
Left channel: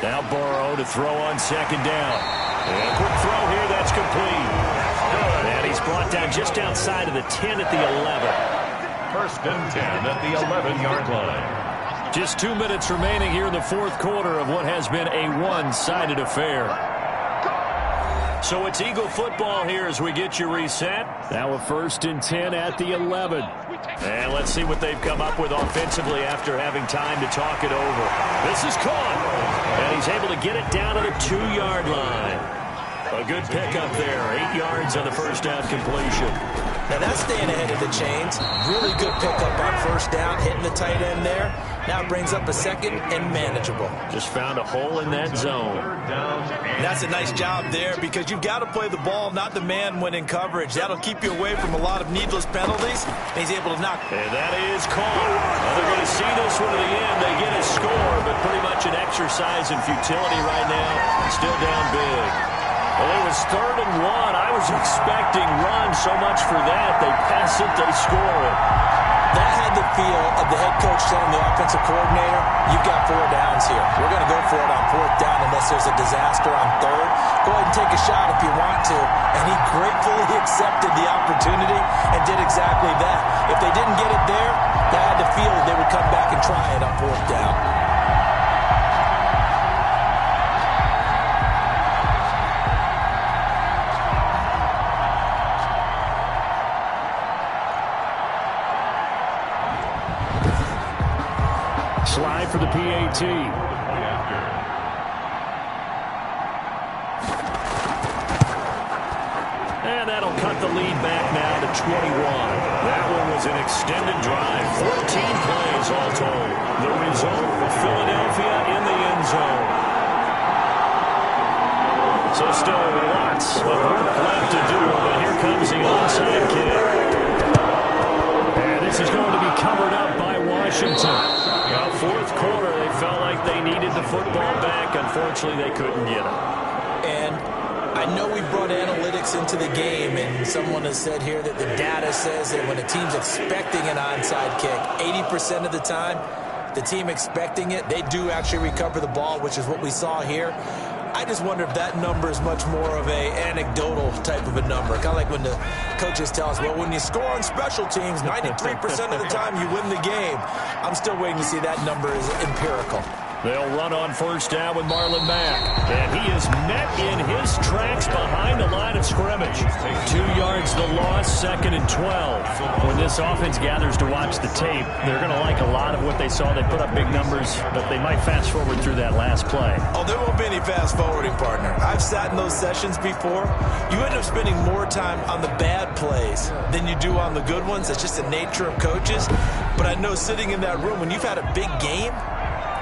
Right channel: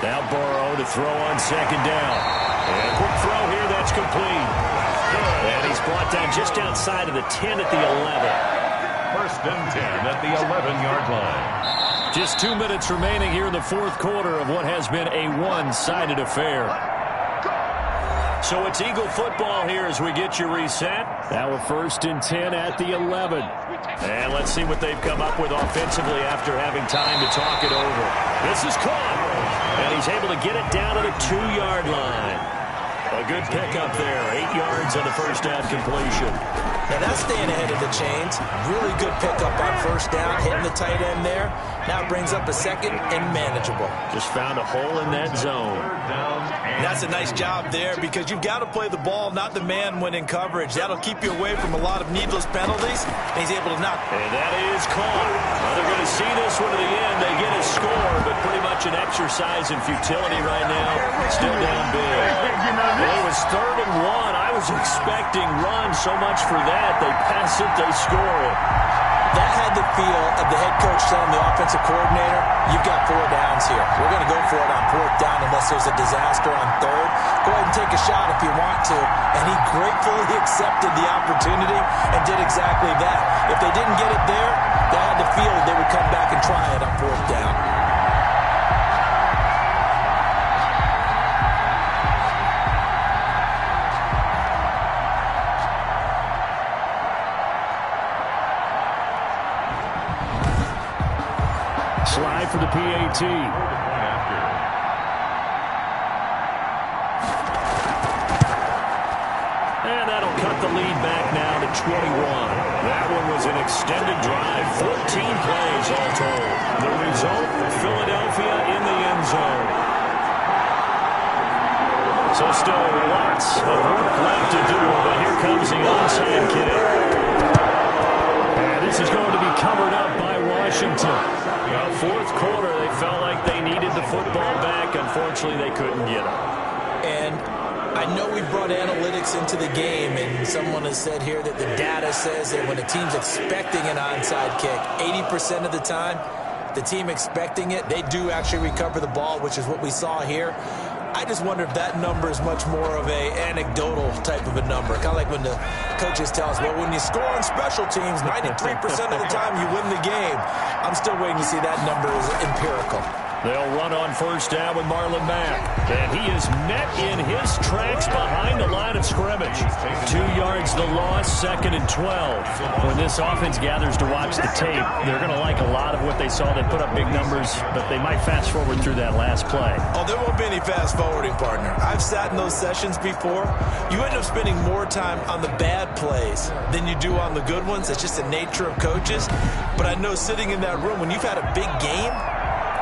Now Burrow to throw on 2nd down. And a quick throw here, that's complete. Good. And he's brought down just outside of the 10 at the 11. 1st and 10 at the 11-yard line. Just 2 minutes remaining here in the 4th quarter of what has been a one-sided affair. So it's Eagle football here as we get you reset. Now a 1st and 10 at the 11. And let's see what they've come up with offensively after having time to talk it over. This is caught. And he's able to get it down to the 2-yard line. A good pickup there. 8 yards on the first down completion. Now that's staying ahead of the chains. Really good pickup on first down, hitting the tight end there. Now it brings up a second and manageable. Just found a hole in that zone. That's a nice job there because you've got to play the ball, not the man when in coverage. That'll keep you away from a lot of needless penalties. And he's able to knock. And that is caught. Well, they're going to see this one to the end. They get a score, but pretty much an exercise in futility right now. Still down big. Well, it was 3rd and 1. I was expecting run so much for that. They pass it, they score it. That had the feel of the head coach telling the offensive coordinator, you've got 4 downs here. We're going to go for it on 4th down unless there's a disaster on 3rd. Go ahead and take a shot if you want to. And he gratefully accepted the opportunity and did exactly that. If they didn't get it there, they had the feel that they would come back and try it on 4th down. Slide for the PAT. And that'll cut the lead back now to 21. That one was an extended drive. 14 plays all told. The result, Philadelphia in the end zone. So still lots of work left to do, but here comes the onside kick. And this is going to be covered up by Washington. 4th quarter, they felt like they needed the football back. Unfortunately, they couldn't get it. And I know we brought analytics into the game, and someone has said here that the data says that when a team's expecting an onside kick, 80% of the time, the team expecting it, they do actually recover the ball, which is what we saw here. I just wonder if that number is much more of a anecdotal type of a number. Kind of like when the coaches tell us, well, when you score on special teams, 93% of the time you win the game. I'm still waiting to see that number is empirical. They'll run on first down with Marlon Mack. And he is met in his tracks behind the line of scrimmage. 2 yards the loss, 2nd and 12. When this offense gathers to watch the tape, they're going to like a lot of what they saw. They put up big numbers, but they might fast forward through that last play. Oh, there won't be any fast forwarding, partner. I've sat in those sessions before. You end up spending more time on the bad plays than you do on the good ones. It's just the nature of coaches. But I know sitting in that room, when you've had a big game,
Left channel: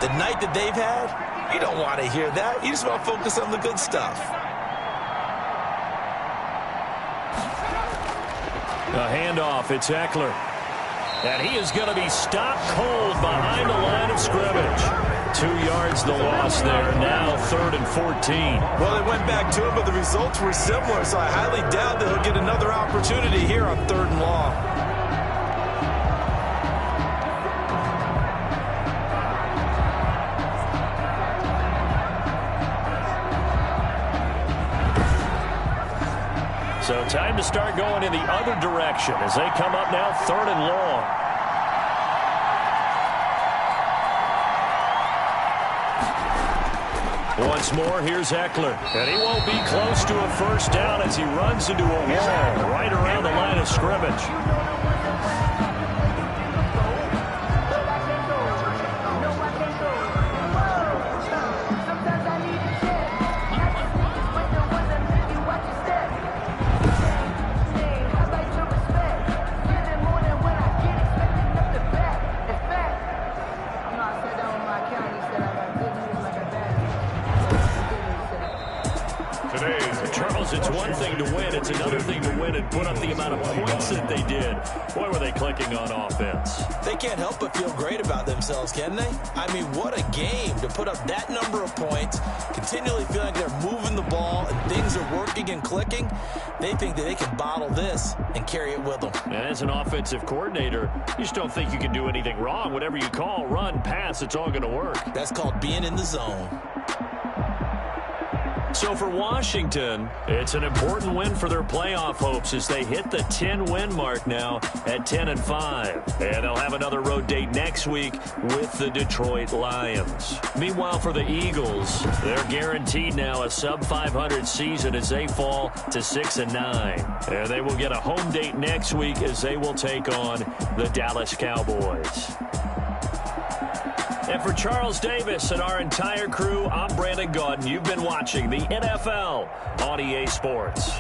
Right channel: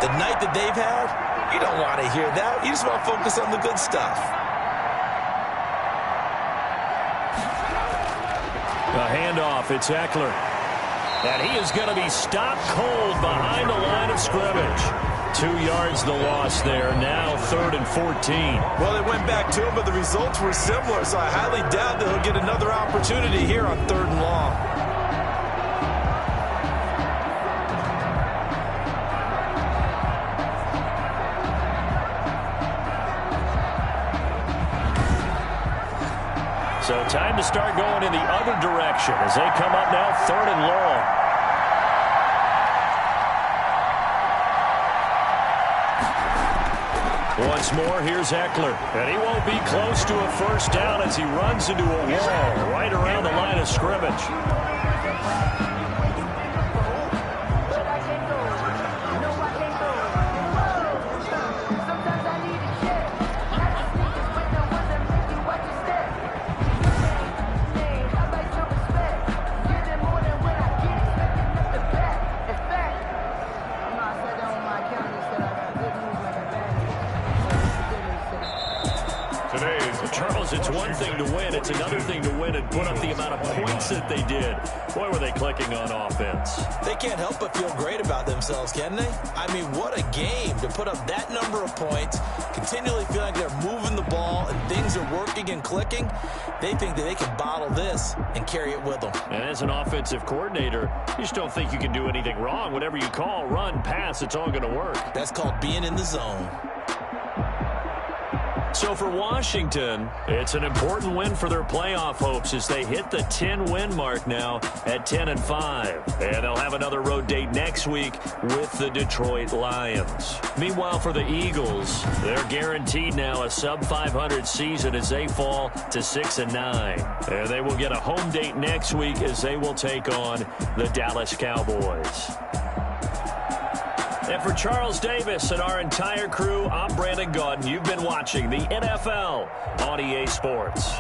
the night that they've had, you don't want to hear that. You just want to focus on the good stuff. A handoff, it's Eckler. And he is going to be stopped cold behind the line of scrimmage. 2 yards the loss there, now 3rd and 14. Well, they went back to him, but the results were similar, so I highly doubt that he'll get another opportunity here on 3rd and long. So time to start going in the other direction as they come up now 3rd and long. Once more, here's Eckler. And he won't be close to a first down as he runs into a wall right around the line of scrimmage. Charles, it's one thing to win. It's another thing to win and put up the amount of points that they did. Boy, were they clicking on offense. They can't help but feel great about themselves, can they? I mean, what a game to put up that number of points, continually feel like they're moving the ball and things are working and clicking. They think that they can bottle this and carry it with them. And as an offensive coordinator, you just don't think you can do anything wrong. Whatever you call, run, pass, it's all going to work. That's called being in the zone. So for Washington, it's an important win for their playoff hopes as they hit the 10-win mark now at 10-5. And they'll have another road date next week with the Detroit Lions. Meanwhile, for the Eagles, they're guaranteed now a sub-500 season as they fall to 6-9. And they will get a home date next week as they will take on the Dallas Cowboys. And for Charles Davis and our entire crew, I'm Brandon Gaudin. You've been watching the NFL on EA Sports.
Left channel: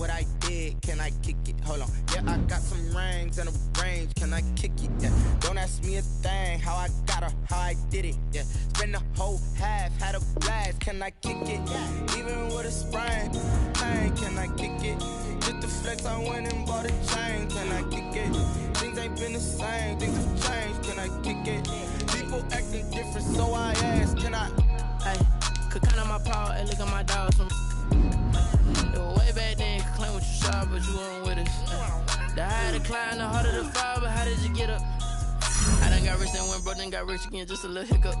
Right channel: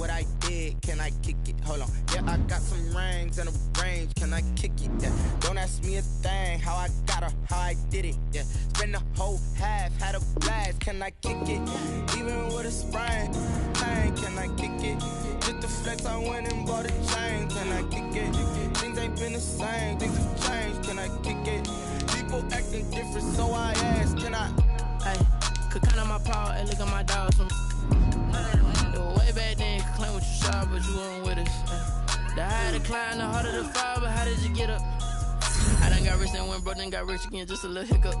what I did, can I kick it? Hold on, yeah, I got some rings and a range, can I kick it? Yeah, don't ask me a thing, how I got her, how I did it. Yeah, spend the whole half, had a blast, can I kick it? Even with a sprain, pain, can I kick it? Just the flex, I went and bought a chain, can I kick it? Things ain't been the same, things have changed, can I kick it? People acting different, so I asked, can I? Hey, could count on my power, and look at my dogs from. It was way back then, could claim what you saw, but you weren't with us. The higher the climb, the harder the fall, but how did you get up? I done got rich and went broke, then got rich again, just a little hiccup.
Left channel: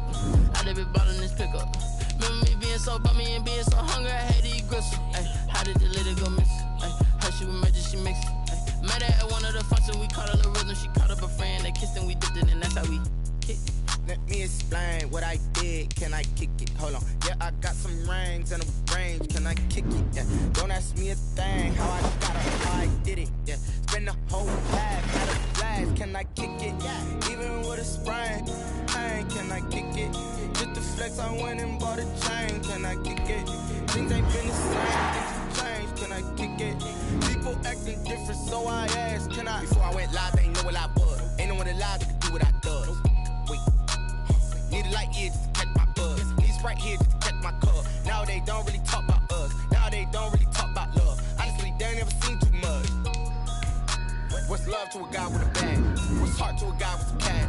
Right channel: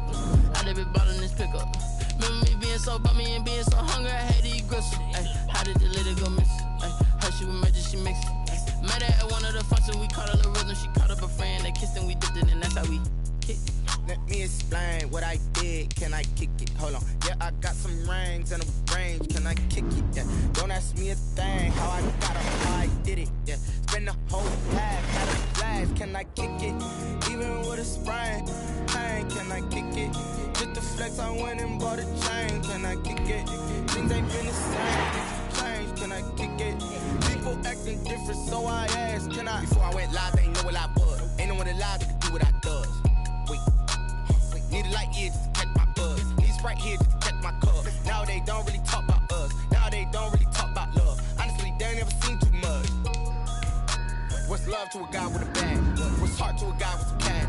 I done been ballin' this pickup. Remember me being so bummy and being so hungry, I had to eat gristle. Ay, how did the little go miss? Ay, her she was magic, she mixed. Ay, met her at one of the functions, we caught a little rhythm, she caught up a friend, they kissed and we dipped it, and that's how we kicked. Let me explain what I did, can I kick it? Hold on, yeah, I got some rings and a range, can I kick it? Yeah, don't ask me a thing, how I got her, how I did it. Yeah, spend the whole half, had a blast, can I kick it? Even with a sprain, pain, can I kick it? Just the flex, I went and bought a chain, can I kick it? Things ain't been the same, things have changed, can I kick it? People acting different, so I asked, can I? Before I went live, they ain't know what I was. Ain't no one alive that could do what I does. Need a light here just to catch my buzz. Need Sprite here just to catch my cup. Now they don't really talk about us. Now they don't really talk about love. Honestly, they ain't never seen too much. What's love to a guy with a bag? What's heart to a guy with some cash?